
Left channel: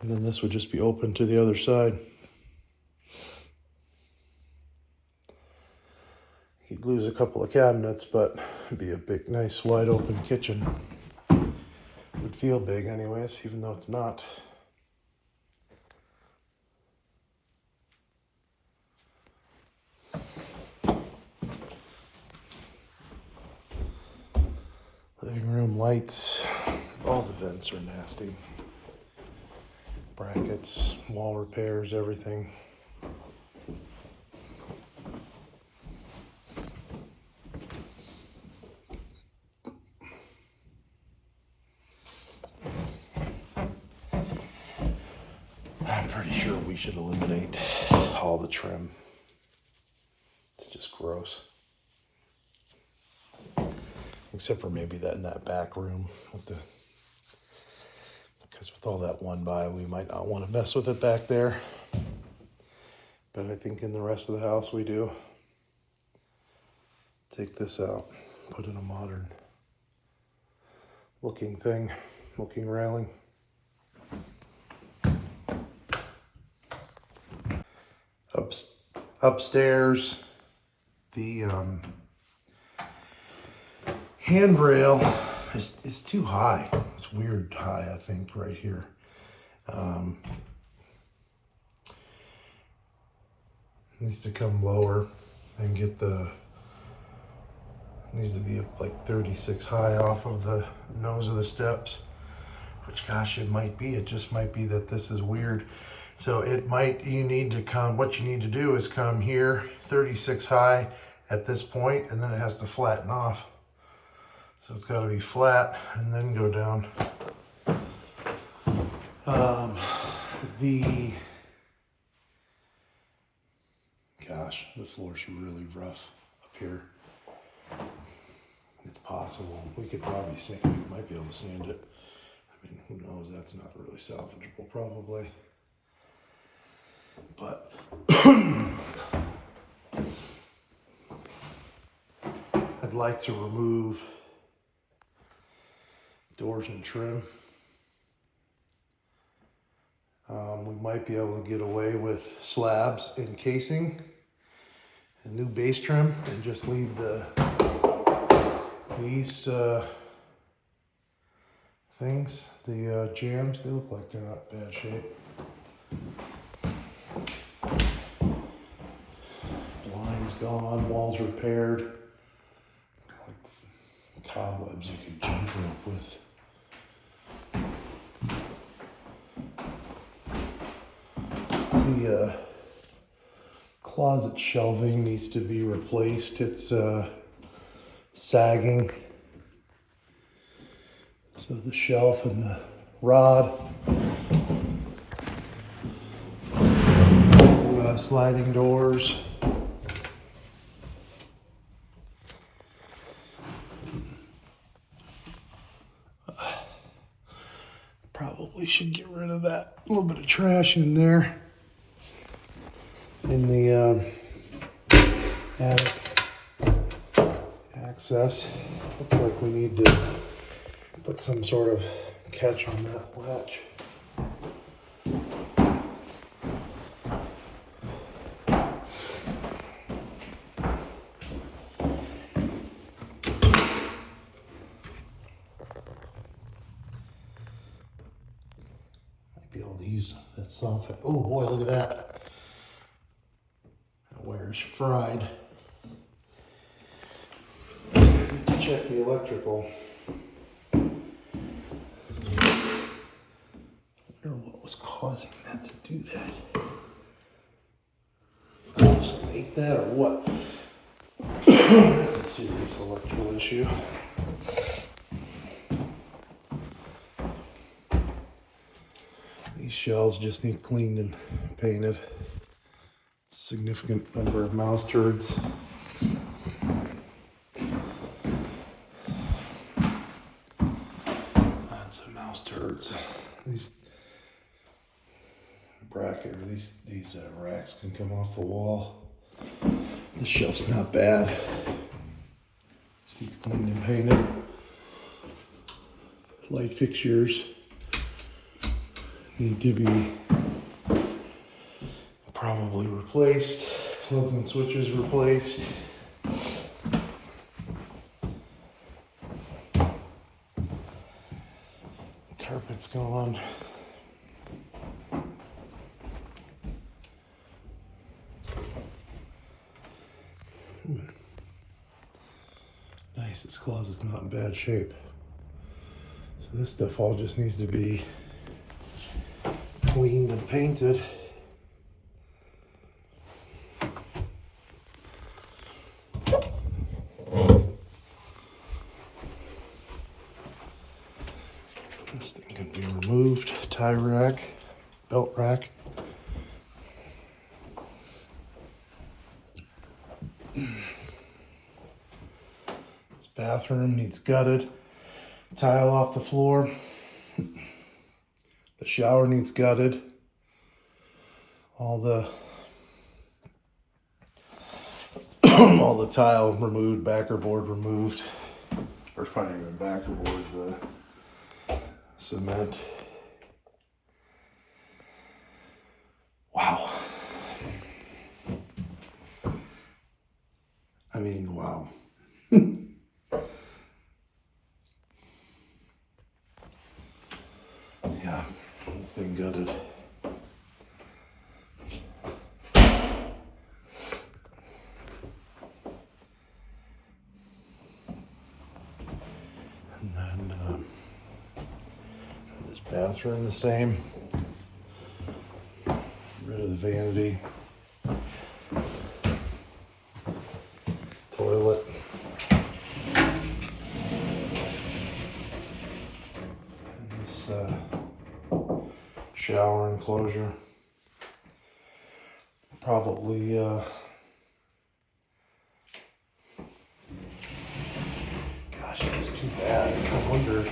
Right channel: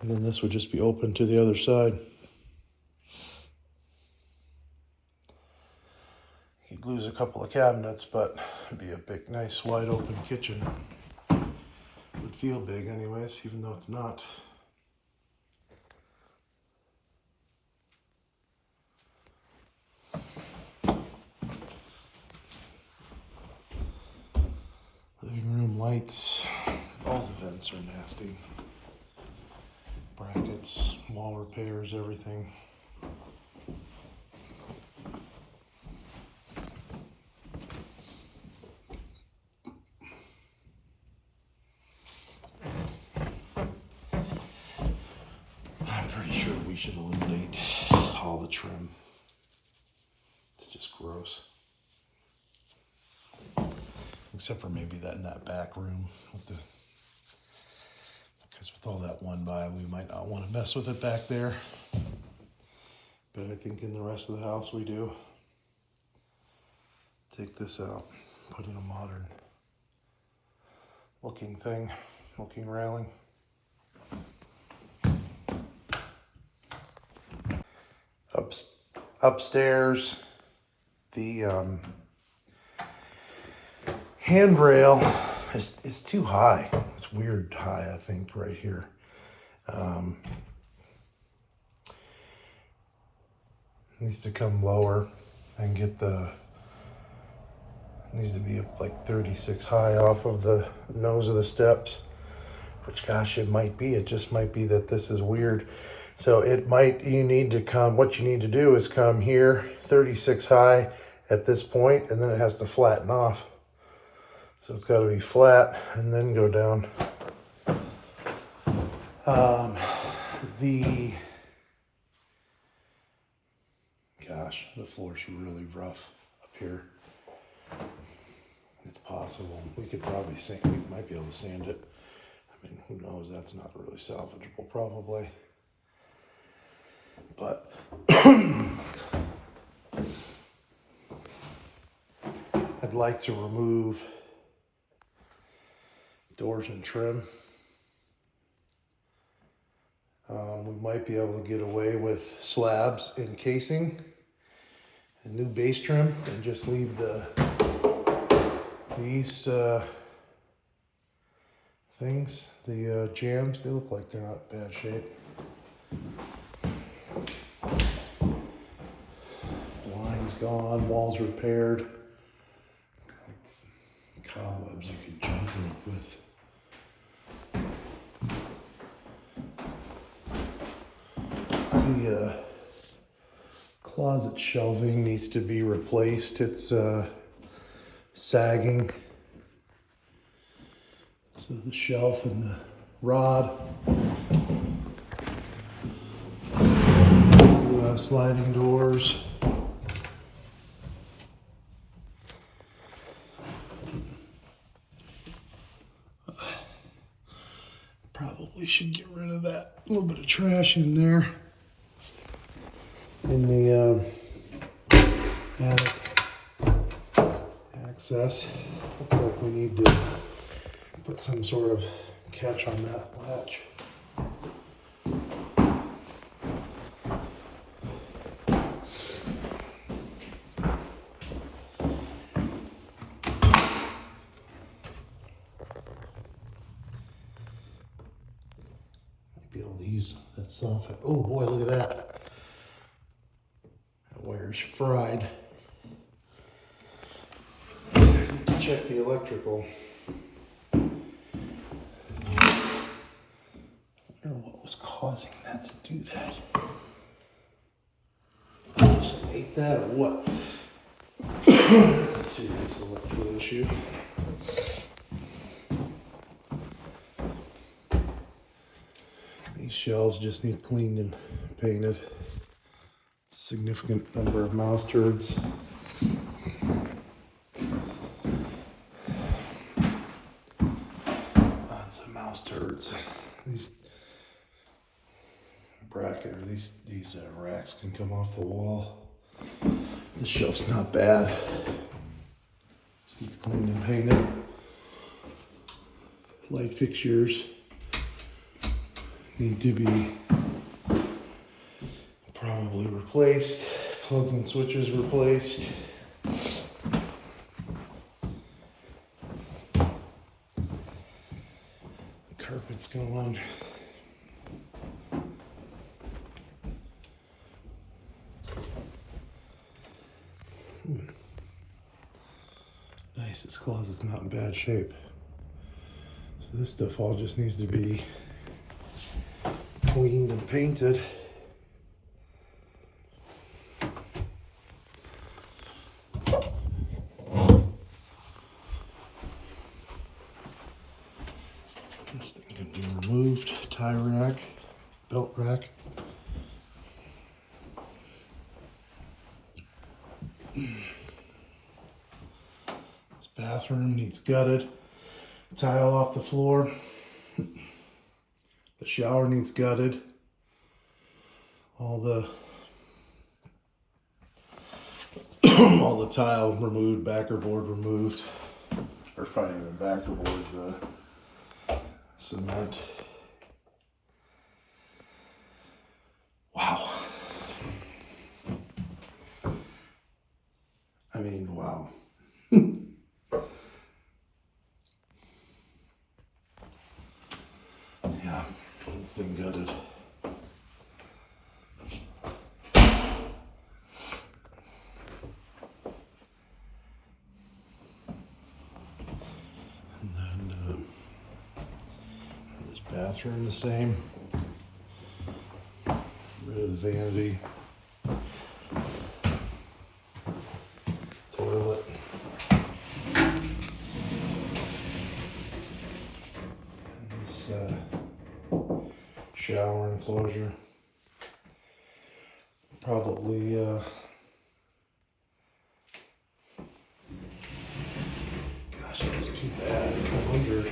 And then this would just be open to the other side. You'd lose a couple of cabinets, but it'd be a big, nice, wide open kitchen. It would feel big anyways, even though it's not. Living room lights, all the vents are nasty. Brackets, wall repairs, everything. I'm pretty sure we should eliminate all the trim. It's just gross. Except for maybe that in that back room with because with all that one by, we might not want to mess with it back there. But I think in the rest of the house we do. Take this out. put in a modern looking railing. Upstairs, the handrail is too high. It's weird high, I think, right here. Needs to come lower and get needs to be like 36 high off of the nose of the steps, which, gosh, it might be. It just might be that this is weird. So what you need to do is come here 36 high at this point, and then it has to flatten off. So it's got to be flat and then go down. The floor's really rough up here. It's possible. We could probably we might be able to sand it. I mean, who knows? That's not really salvageable, probably. But I'd like to remove doors and trim. We might be able to get away with slabs and casing and new base trim, and just leave these things, the jambs. They look like they're not in bad shape. Blinds gone, walls repaired. Like cobwebs you can jump rope with. The closet shelving needs to be replaced. It's sagging. So the shelf and the rod. Sliding doors. Probably should get rid of that little bit of trash in there. In the attic access. Looks like we need to put some sort of catch on that latch. Might be able to use that soffit. Oh boy, look at that. That wire's fried. I need to check the electrical. What was causing that to do that? Oh, something ate that or what? That's a serious electrical issue. These shelves just need cleaned and painted. Significant number of mouse turds. Lots of mouse turds. These racks can come off the wall. This shelf's not bad. It's cleaned and painted. Light fixtures need to be probably replaced. Plugs and switches replaced. Carpet's gone. Nice, this closet's not in bad shape. So this stuff all just needs to be cleaned and painted. This thing can be removed. Tie rack, belt rack. This bathroom needs gutted. Tile off the floor. The shower needs gutted. All the All the tile removed, backer board removed. Or probably not even backer board, the cement. Wow. I mean, wow. Yeah, whole thing gutted. And then this bathroom the same. Get rid of the vanity. Toilet. And this shower enclosure. Probably gosh, it's too bad. I wonder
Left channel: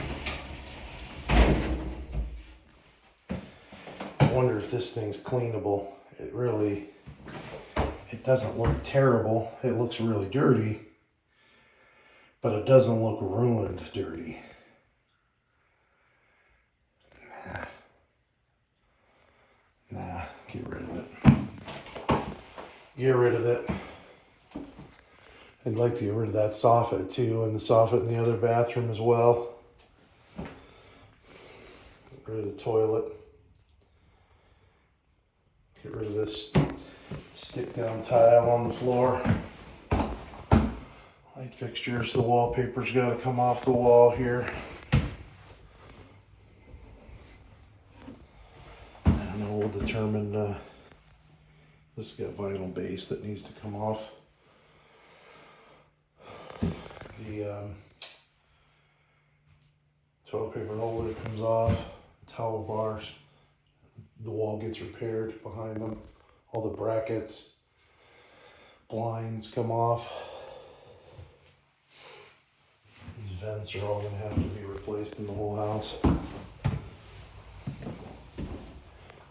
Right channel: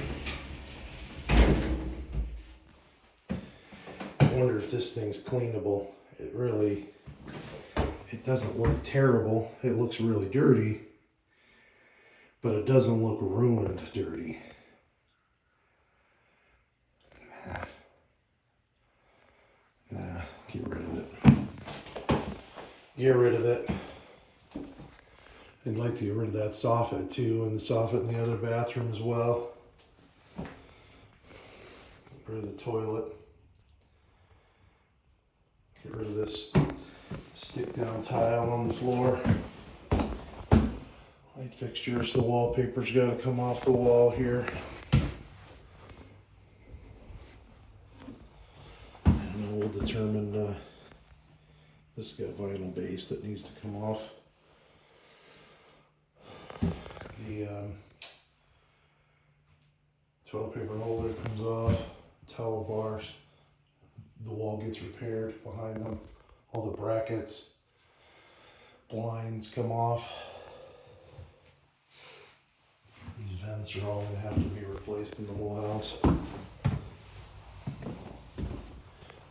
if this thing's cleanable. It doesn't look terrible. It looks really dirty, but it doesn't look ruined dirty. Nah, get rid of it. Get rid of it. I'd like to get rid of that soffit too, and the soffit in the other bathroom as well. Get rid of the toilet. Get rid of this stick down tile on the floor. Light fixtures, the wallpaper's got to come off the wall here. And then we'll determine, this has got vinyl base that needs to come off. The toilet paper holder comes off, towel bars, the wall gets repaired behind them, all the brackets, blinds come off. These vents are all going to have to be replaced in the whole house.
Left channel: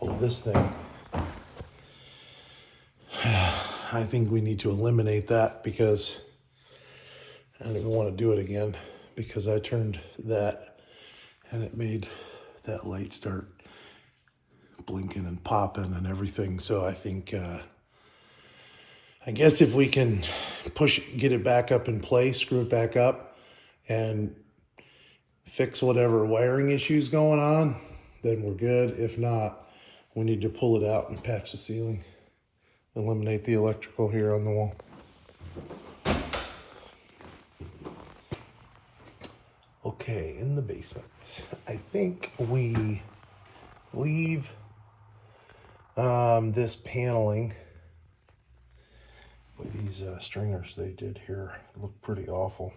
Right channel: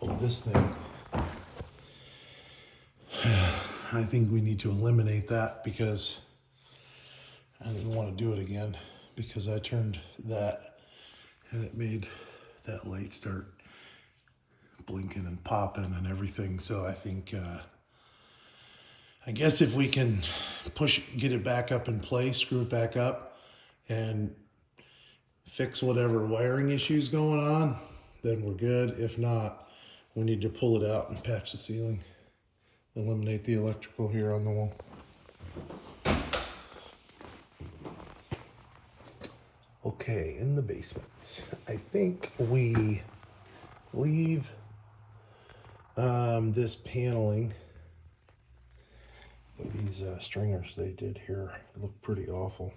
Oh, this thing, I think we need to eliminate that because I don't even want to do it again, because I turned that and it made that light start blinking and popping and everything. So I think, I guess if we can get it back up in place, screw it back up and fix whatever wiring issues going on, then we're good. If not, we need to pull it out and patch the ceiling, eliminate the electrical here on the wall. Okay, in the basement, I think we leave this paneling. Boy, these stringers they did here look pretty awful.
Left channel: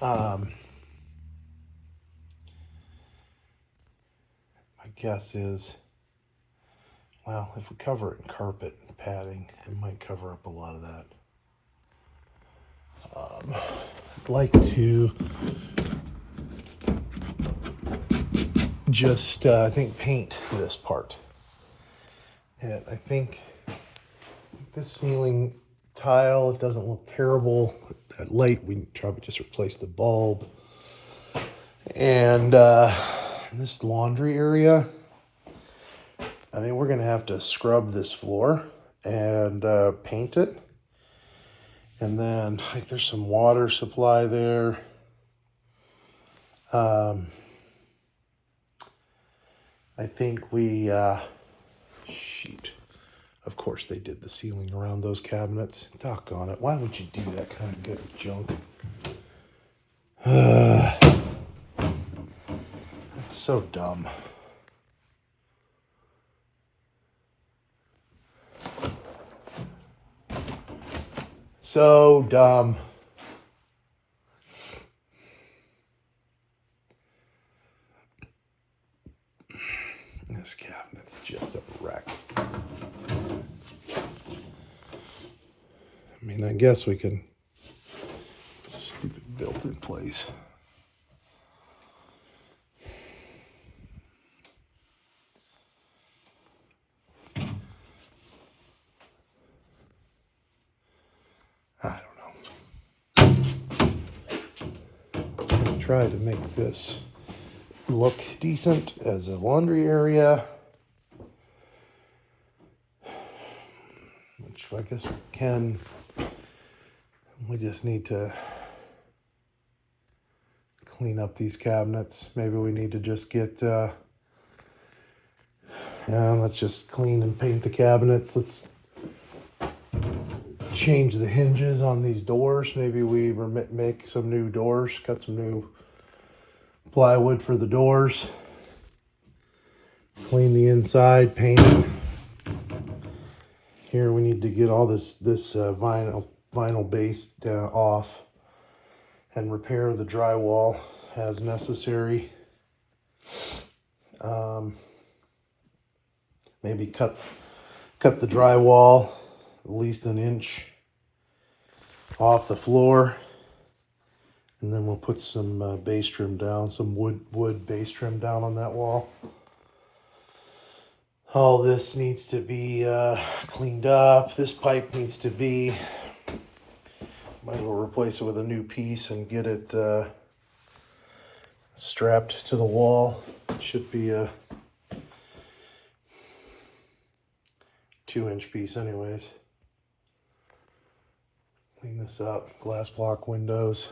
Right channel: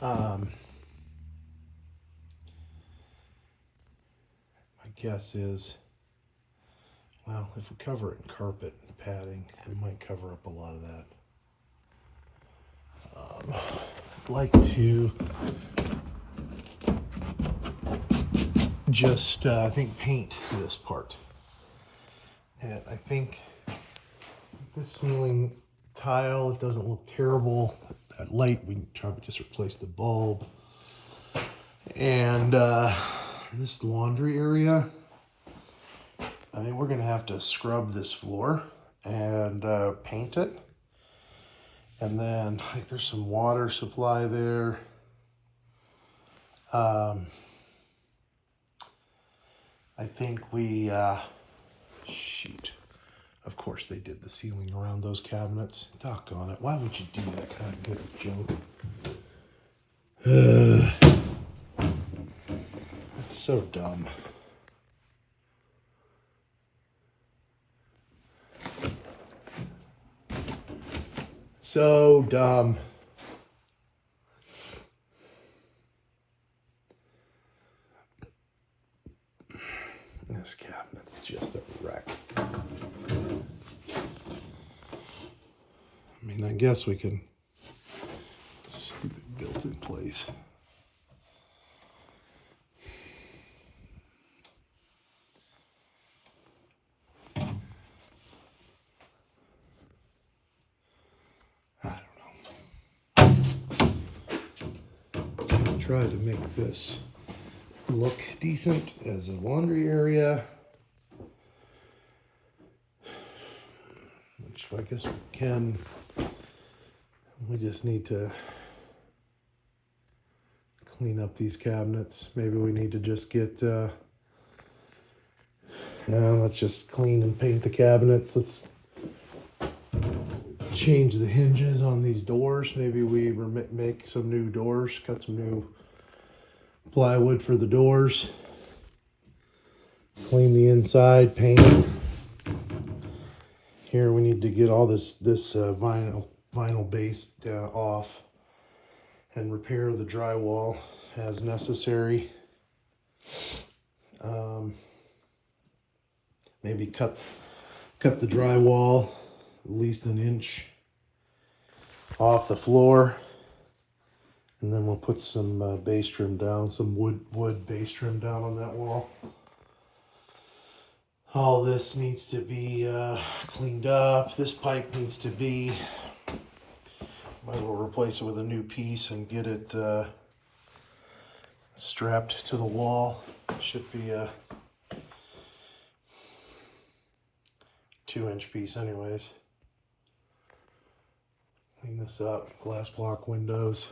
My guess is, well, if we cover it in carpet and padding, it might cover up a lot of that. I'd like to just, I think, paint this part. And I think this ceiling tile, it doesn't look terrible. That light, we can probably just replace the bulb. And this laundry area, I mean, we're going to have to scrub this floor and paint it. And then, like, there's some water supply there. I think we, shoot. Of course they did the ceiling around those cabinets. Doggone it. Why would you do that kind of good junk? It's so dumb. So dumb. This cabinet's just a wreck. I mean, I guess we can, stupid built-in place. try to make this look decent as a laundry area, which I guess we can. We just need to clean up these cabinets. Maybe we need to just get, let's just clean and paint the cabinets. Let's change the hinges on these doors. Maybe we make some new doors, cut some new plywood for the doors. Clean the inside, paint it. Here we need to get all this vinyl base off and repair the drywall as necessary. Maybe cut the drywall at least an inch off the floor, and then we'll put some base trim down, some wood base trim down on that wall. All this needs to be cleaned up. This pipe needs to be, might as well replace it with a new piece and get it strapped to the wall. It should be a 2-inch piece anyways. Clean this up. Glass block windows.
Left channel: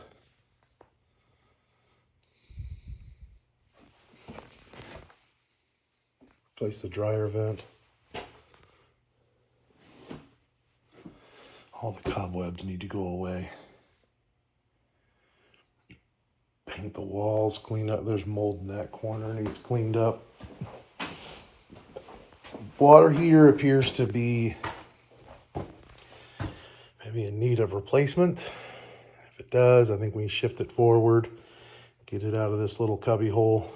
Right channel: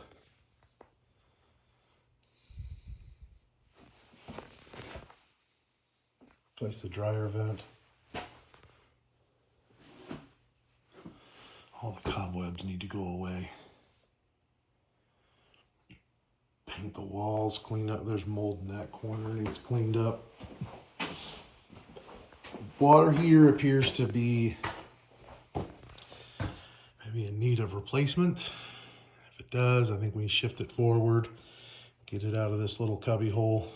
Replace the dryer vent. All the cobwebs need to go away. Paint the walls, clean up. There's mold in that corner, needs cleaned up. Water heater appears to be maybe in need of replacement. If it does, I think we shift it forward, get it out of this little cubby hole.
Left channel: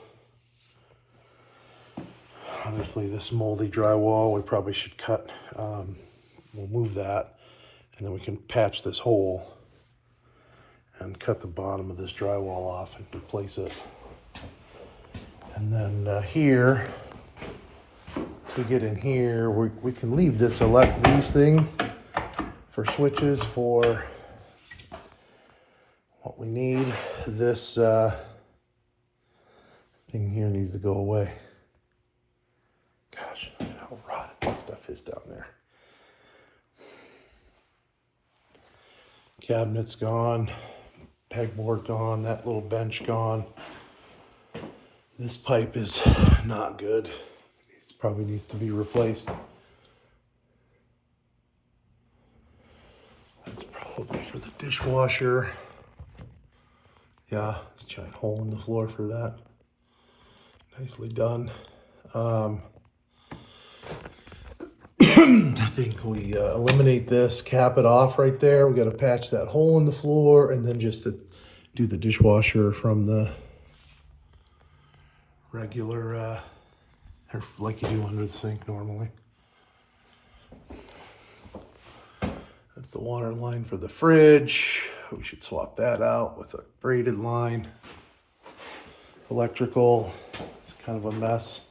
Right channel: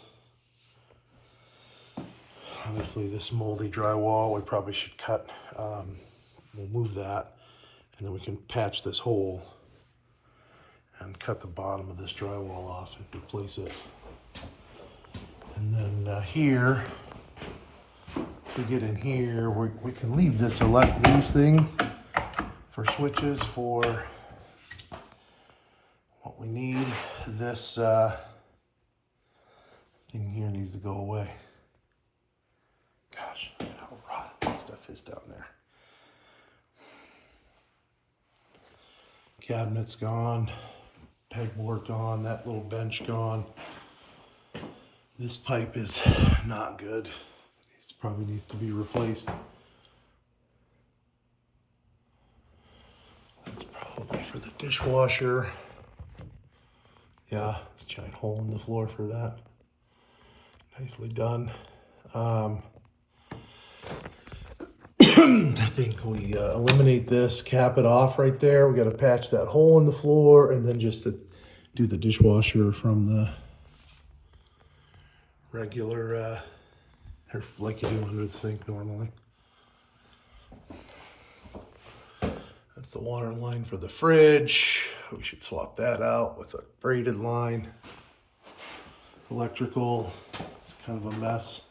Obviously this moldy drywall we probably should cut. We'll move that, and then we can patch this hole and cut the bottom of this drywall off and replace it. And then here, as we get in here, we can leave these things for switches for what we need. This thing here needs to go away. Gosh, how rotted that stuff is down there. Cabinet's gone, pegboard gone, that little bench gone. This pipe is not good. It probably needs to be replaced. That's probably for the dishwasher. Yeah, there's a giant hole in the floor for that. Nicely done. I think we eliminate this, cap it off right there. We got to patch that hole in the floor, and then just to do the dishwasher from the regular, like you do under the sink normally. That's the water line for the fridge. We should swap that out with a braided line. Electrical, it's kind of a mess.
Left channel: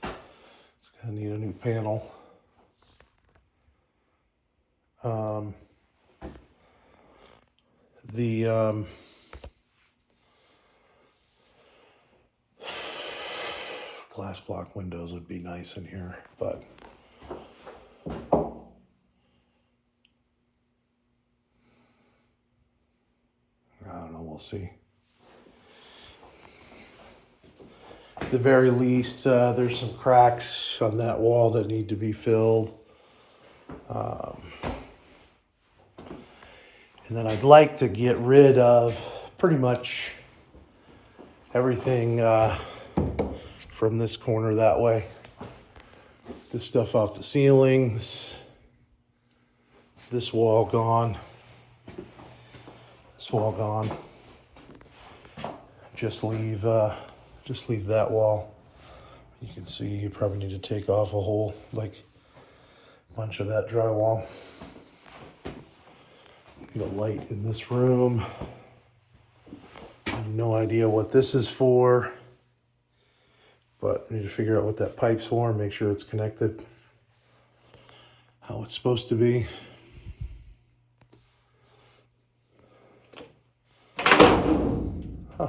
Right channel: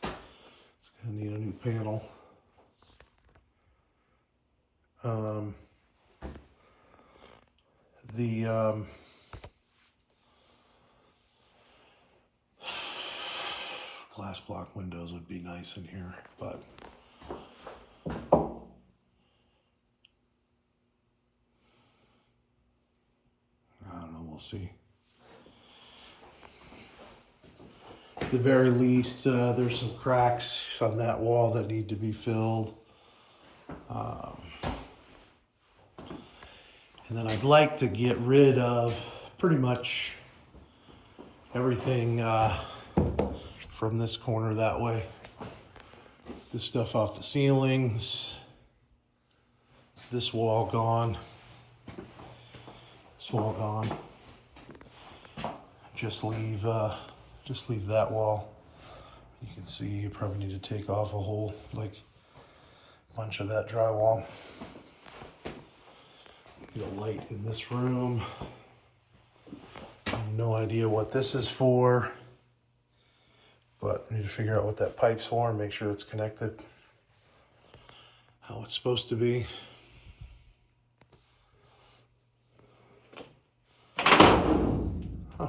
It's gonna need a new panel. The glass block windows would be nice in here, but I don't know, we'll see. At the very least, there's some cracks on that wall that need to be filled. And then I'd like to get rid of pretty much everything from this corner that way. This stuff off the ceiling, this wall gone, this wall gone. Just leave that wall. You can see you probably need to take off a whole, like, bunch of that drywall. The light in this room. I have no idea what this is for, but I need to figure out what that pipe's for and make sure it's connected how it's supposed to be. Huh.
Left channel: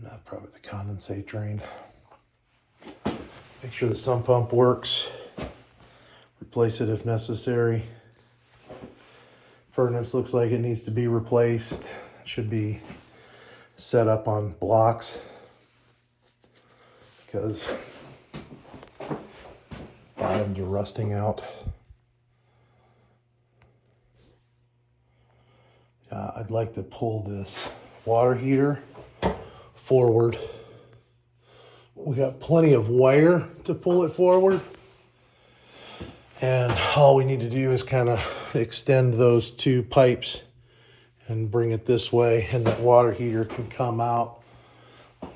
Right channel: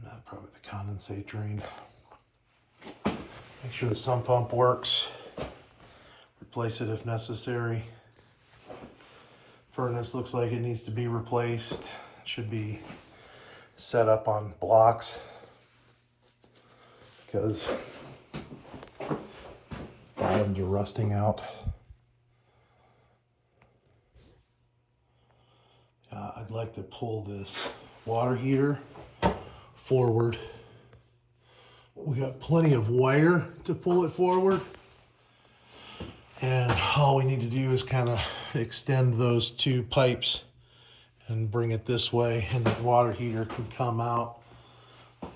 Not probably the condensate drain. Make sure the sump pump works. Replace it if necessary. Furnace looks like it needs to be replaced. Should be set up on blocks because bottoms are rusting out. I'd like to pull this water heater forward. We got plenty of wire to pull it forward. And all we need to do is kind of extend those two pipes and bring it this way, and that water heater can come out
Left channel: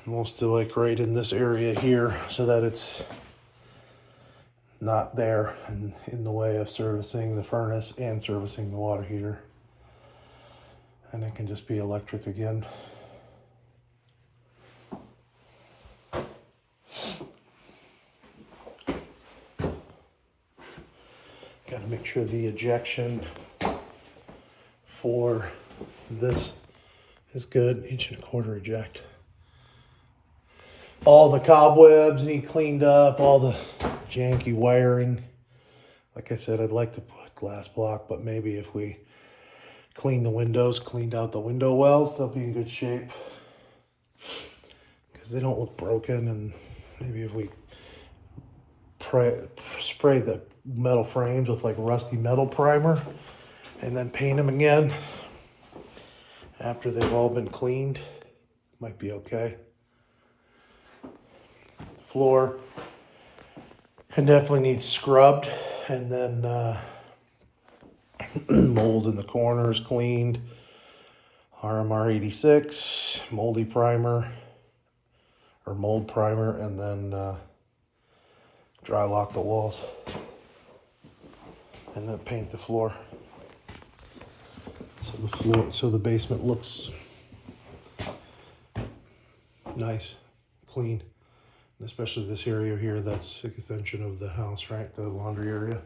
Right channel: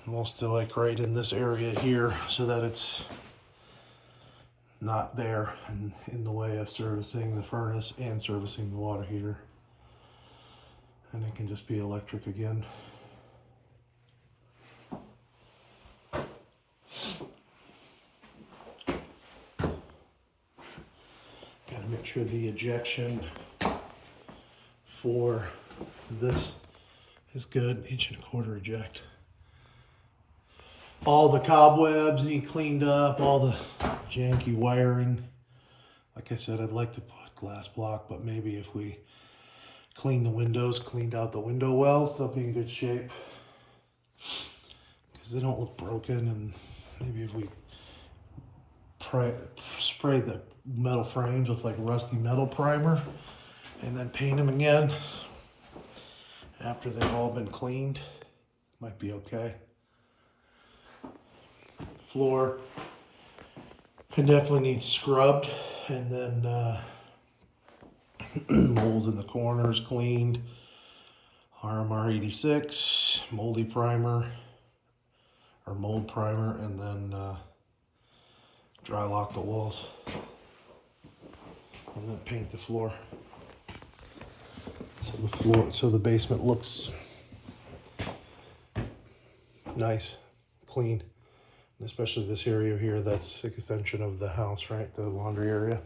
most of like right in this area here so that it's not there and in the way of servicing the furnace and servicing the water heater. And it can just be electric again. Got to make sure the ejection for this is good. 1.25" eject. All the cobwebs need cleaned up, all the janky wiring. Like I said, I'd like to put glass block, but maybe if we clean the windows, cleaned out the window wells, they'll be in good shape because they don't look broken. And maybe if we spray the metal frames with like rusty metal primer and then paint them again after they've all been cleaned, might be okay. Floor can definitely need scrubbed, and then mold in the corners cleaned. RMR 86, moldy primer or mold primer, and then dry lock the walls, and then paint the floor. So the basement looks nice, clean, and especially this area here. That's an extension of the house, right? The laundry area.